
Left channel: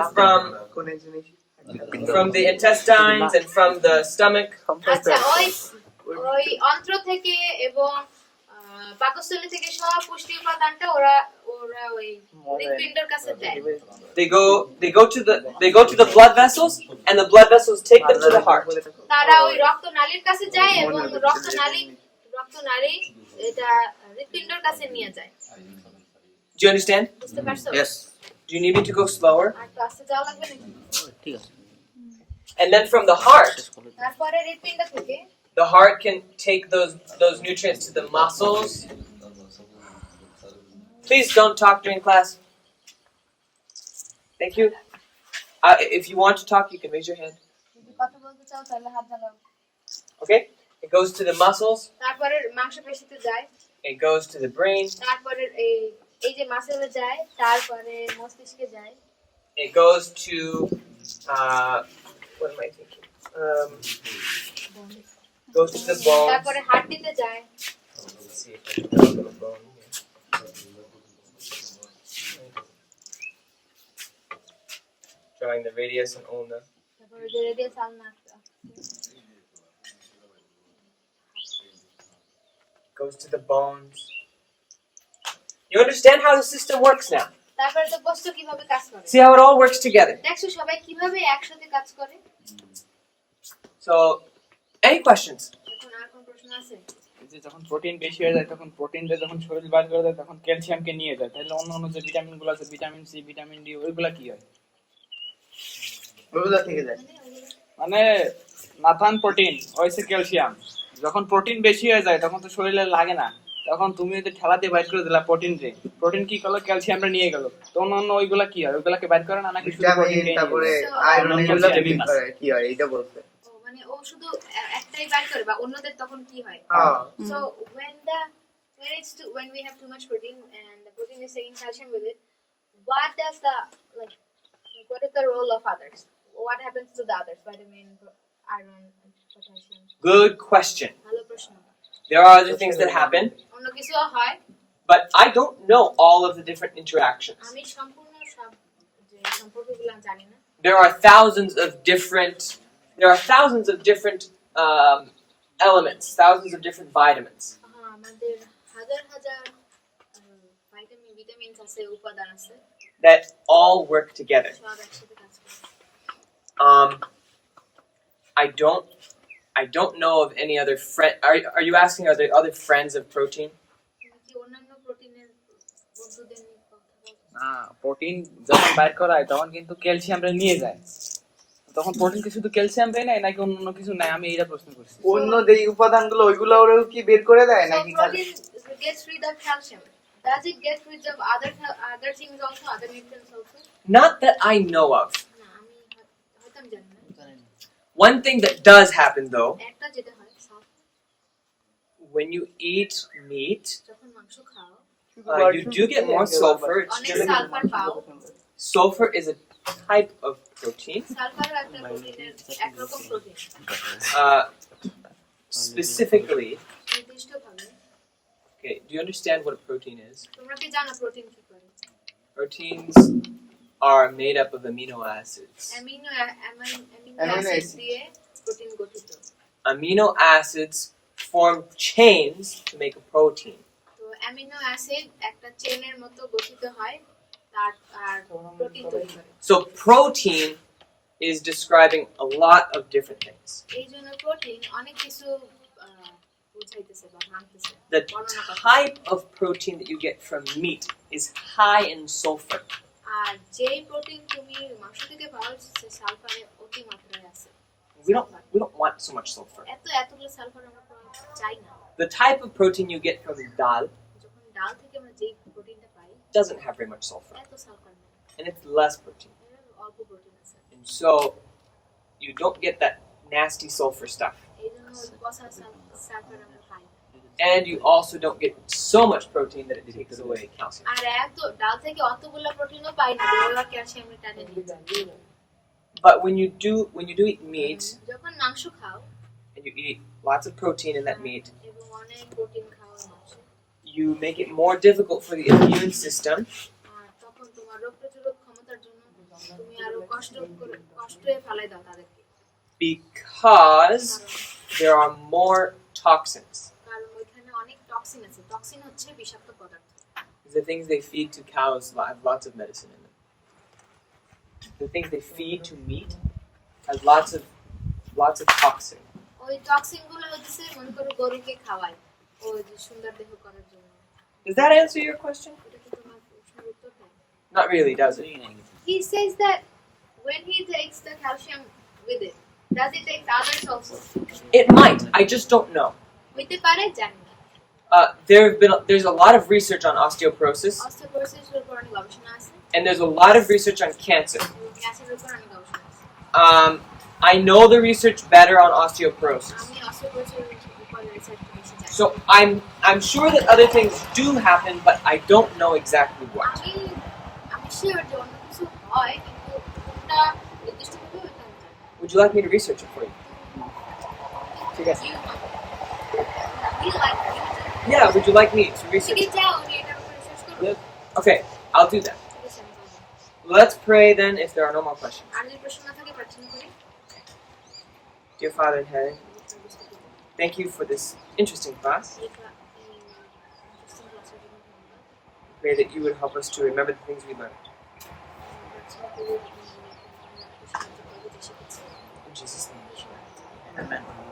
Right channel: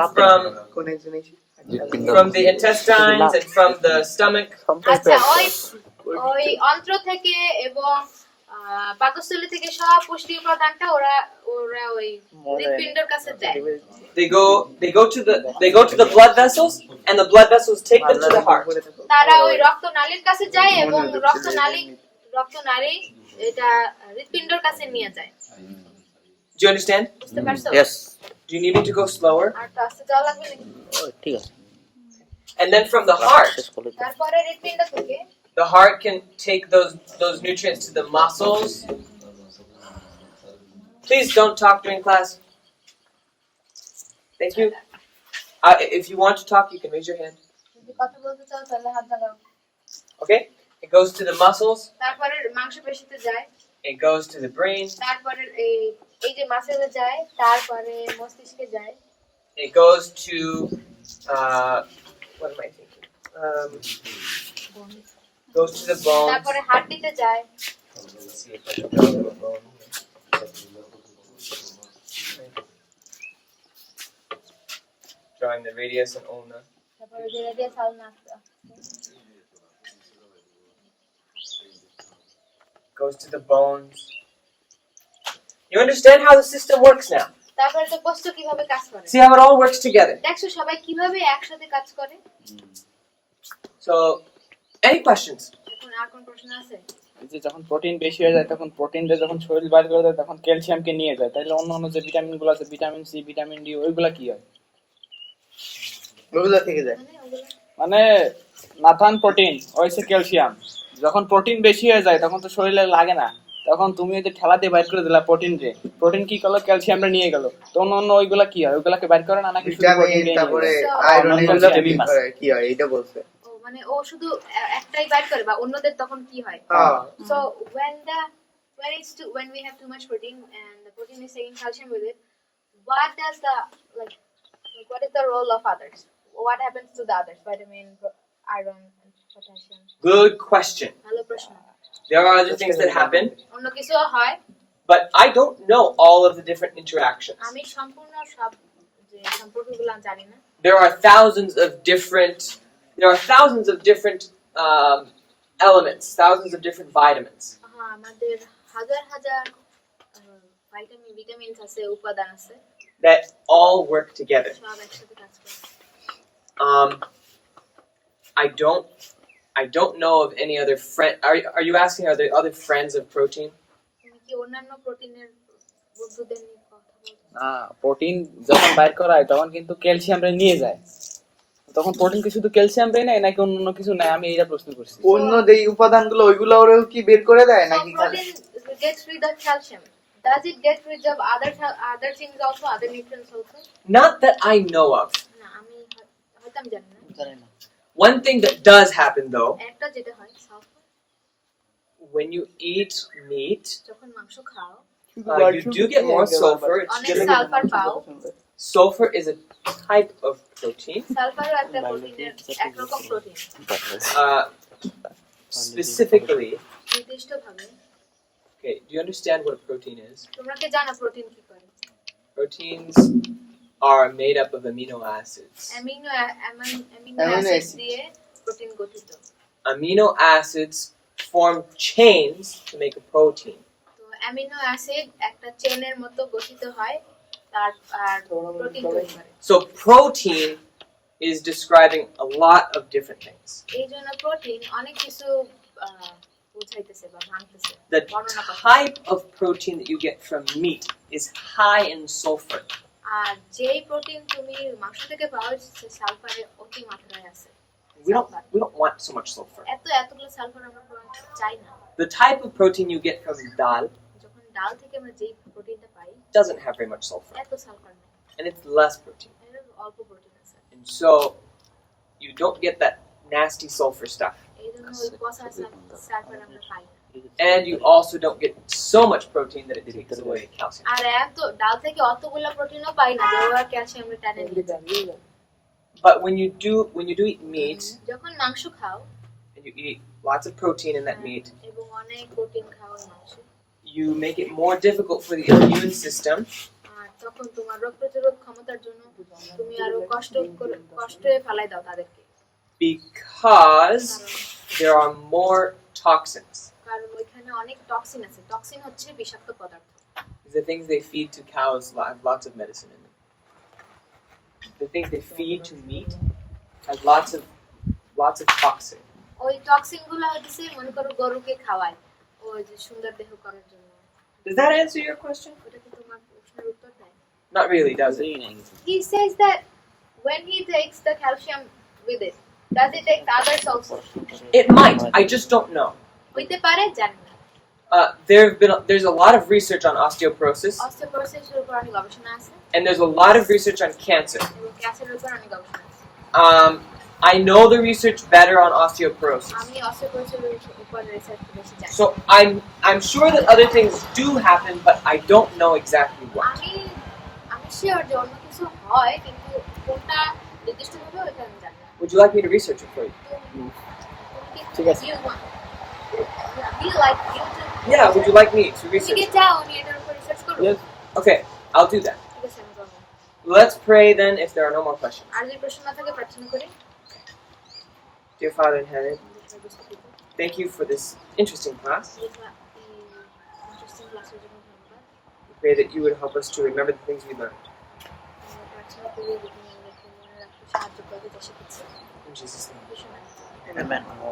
from the intestines and from the stomach. আচ্ছা ওই ওই অন্ত্র থেকে এবং পাকস্থলী থেকে সব পুষ্টি উপাদানটা ওরা ওরা ওই হৃৎপিণ্ডের কাছে দেয় They go to the blood vessels and the blood vessels take them to the heart. তারা ওই রক্তনালীর কাছে যায় এবং রক্তনালী এটা হৃৎপিণ্ডের কাছে নিয়ে যায় Do you understand? বুঝতে পারছো? Yes. Do you need me to go slower? আর তো আস্তে যাওয়া লাগবে নাকি? ঠিক আছে। And then from the heart, তারপরে হৃৎপিণ্ড থেকে the heart can take those nutrients to the muscles. Please don't talk during class. Thank you. If you want to talk, you can raise your hand. যদি কথা বলতে চাও তাহলে হাত লাগাও Okay? It goes to the muscles. তারপরে মাংসপেশিতে যায় It goes to the brain. তারপরে এই যে মাসেলে যায় তারপরে মস্তিষ্কে যায় It goes to what am I thinking? Goes to the bones. তারপরে হাড়টিতে যায় Let's see if I can draw a little bone here. Drawing the radius and ulna. তারপরে যে রেডিয়াস আলনা Goes to the bones. You understand how the system works now? তারপরে তো বস্তু কিভাবে কাজ করে See how it all works together. দেখছো সবাই কিভাবে একসাথে কাজ করে So, any questions? এখন আর কোন প্রশ্ন আছে এই যে যখন প্রোটিন বেশি হয়ে যায় তখন প্রোটিনটা যখন শরীর বাইর করে দেয় তখন ক্যালসিয়ামকে নিয়ে যায় তাহলে অন্য যে ভিটামিনগুলো আছে ভিটামিন সি ভিটামিন ডি ওইগুলা কি হয় ওগুলা থেকে যায় মানে ওগুলো মানে নাথান প্রোটিন ওইসে ক্যালসিয়াম যখন প্রোটিন বেশি হয়ে যায় তখন তো শরীরে লাগে না তখন তুমি ওই যে ঠেলাতে বাইর করে দিলা প্রোটিন কি করলো ক্যালসিয়ামটা নিয়ে গেল তো অন্য ওইগুলা কি হয় ওইগুলাকে বাইর করে না নাকি শুধু ভিটামিন প্রোটিন তারপরে So, আয়রন এগুলো vitamin বের করে কি হয় এটা বলছে ও মানে ও শুধু একটাই বাইর করে বা অন্যদের তখন কি হয় হ্যাঁ So when we have too much protein and the protein is taking calcium with it, what does the like what is the role of others? What happens to the others? Vitamin, iron, and potassium. Good question. ভালো প্রশ্ন। There are other things that happen, অন্য কিছুও হয়। but I don't know all of the different interactions. আমি সম্পূর্ণ সব যে সম্পর্কগুলো জানি না। There are thousands of different elements, thousands of different vitamins. হ্যাঁ আমাদের হাজার হাজার ভিটামিন আছে উপাদান আছে that all work together. সব একসাথে কাজ করে। I don't know of any other friend. Are you asking are there other friends of protein? তুমি কি অন্যান্য প্রোটিনের বন্ধুদের নিয়ে কথা বলছো? না প্রোটিন যখন বাইর করা হয় তখন কিন্তু ক্যালসিয়ামটা নিয়ে যায় তখন প্রোটিন কি শুধু ক্যালসিয়াম দেয় না নাকি অন্য কিছু নেয় আমি এইটা প্রশ্ন করছি অন্য যে উপাদানগুলো ওইগুলো ওরাও কি বের করে দেয় So নাকি protein gets rid of calcium. Does it get rid of other things also, other nutrients also? Not that I know of. না আমি হয়তো আমি জানি না জানি না One thing that does happen though, একটা যেটা হয় sulphur when you eat meat, যখন মাংস খাও you do get more sulfur. It's অনেক just, সালফার পাও sulfur is a type of protein. সালফারও একটা প্রোটিনের একরকম প্রোটিন Specifically, নির্দিষ্টভাবে okay, do you understand what a protein is? তোমরা কি জানো প্রোটিন কি করে Proteins are made up of amino acids. Amino Amino acid acid. দিয়ে প্রোটিন গঠিত Amino acids form chains to make a protein. তো অ্যামিনো অ্যাসিড একটা চেনের মতো গঠিত হয় তার আর প্রোটিন তৈরি করে So protein is describing a lot of different things. এই জন্য প্রোটিন অনেক কিছু বুঝাইতেছে বা ভাঙতেছে The বর্ণনা করতেছে type of protein that you get from meat is high in sulfur. আর যেই প্রোটিন তুমি মাংস থেকে পাও সে সালফারের অতি মাত্রায় আছে We don't want so much sulfur. এতগুলো সালফার আমরা চাই না The type of protein you get from dal যখন ডাল থেকে আমরা যেই প্রোটিনটা পাই doesn't have very much sulfur, এত সালফার নেই and it's less protein. এর অল্প প্রোটিন আছে And so you don't get that nasty sulfur stuff. এই জন্য ওই পচা সালফার আমরা পাই না and you also don't get so much protein that it takes away calcium. আর এত ডাল থেকে অতগুলো প্রোটিনও পাই না দেওয়া ক্যালসিয়াম টেনে নিয়ে যায় But when you do eat meat যখন মাংস খাও and you eat lots of protein in that meat, এবং অনেক প্রোটিন খাও মাংস you make it more difficult for the immune system আর তখন তোমার রোগ প্রতিরোধ ক্ষমতার জন্য তুমি আরো কষ্টে ফেলাই দাও তাদেরকে because there are more toxins. কারণ ওইখানে অনেক টক্সিন আছে টক্সিন হচ্ছে বিষাক্ত পদার্থ The things they feed to cows have lots of medicine in them. The things they feed to meat has lots of toxin. ওই টক্সিন গুলো হচ্ছে মনে করো গরুকে খাওয়ায় ওই যে সুন্দর দেহ করার জন্য Does that answer your question? ওটা কি তোমার প্রশ্নের উত্তর দেয় Not really, does it? He says that when he takes the calcium with it, does he take the others also? It might. I just don't know. হইতে পারে জানি না There's a lot of research on osteoporosis, osteoporosis এর উপর অনেক গবেষণা আছে and there's a lot of research on cancer. এবং ক্যান্সারের উপর অনেক গবেষণা আছে I know the research better on osteoporosis. আমি অস্টিওপোরোসিস উপর রিসার্চ বেশি জানি So I'm sure that other things do happen, but I don't know exactly what. আমি শিওর যে অন্য কিছু হয় কিন্তু কোনটা নির্দিষ্টভাবে ওইটা আমি জানি না Would you like me to research it for you? ঠিক আছে। Yeah, would you like me to research ঠিক it? যাও আমি এটার উপর রিসার্চ করব Yes. Okay, I'll do that. ঠিক আছে আমি করব Let's pray then if there are no more questions. আর যদি প্রশ্ন না থাকে প্রার্থনা করি Dear Father in heaven, thank you for this interesting class. Interesting ক্লাসের জন্য ধন্যবাদ We pray that you would help us to remember the things we learned. আমরা প্রার্থনা করি যে তুমি আমাদেরকে মনে রাখতে সাহায্য করবে যা শিখেছি In Jesus' name. কৃষ্ণ নামে। Amen.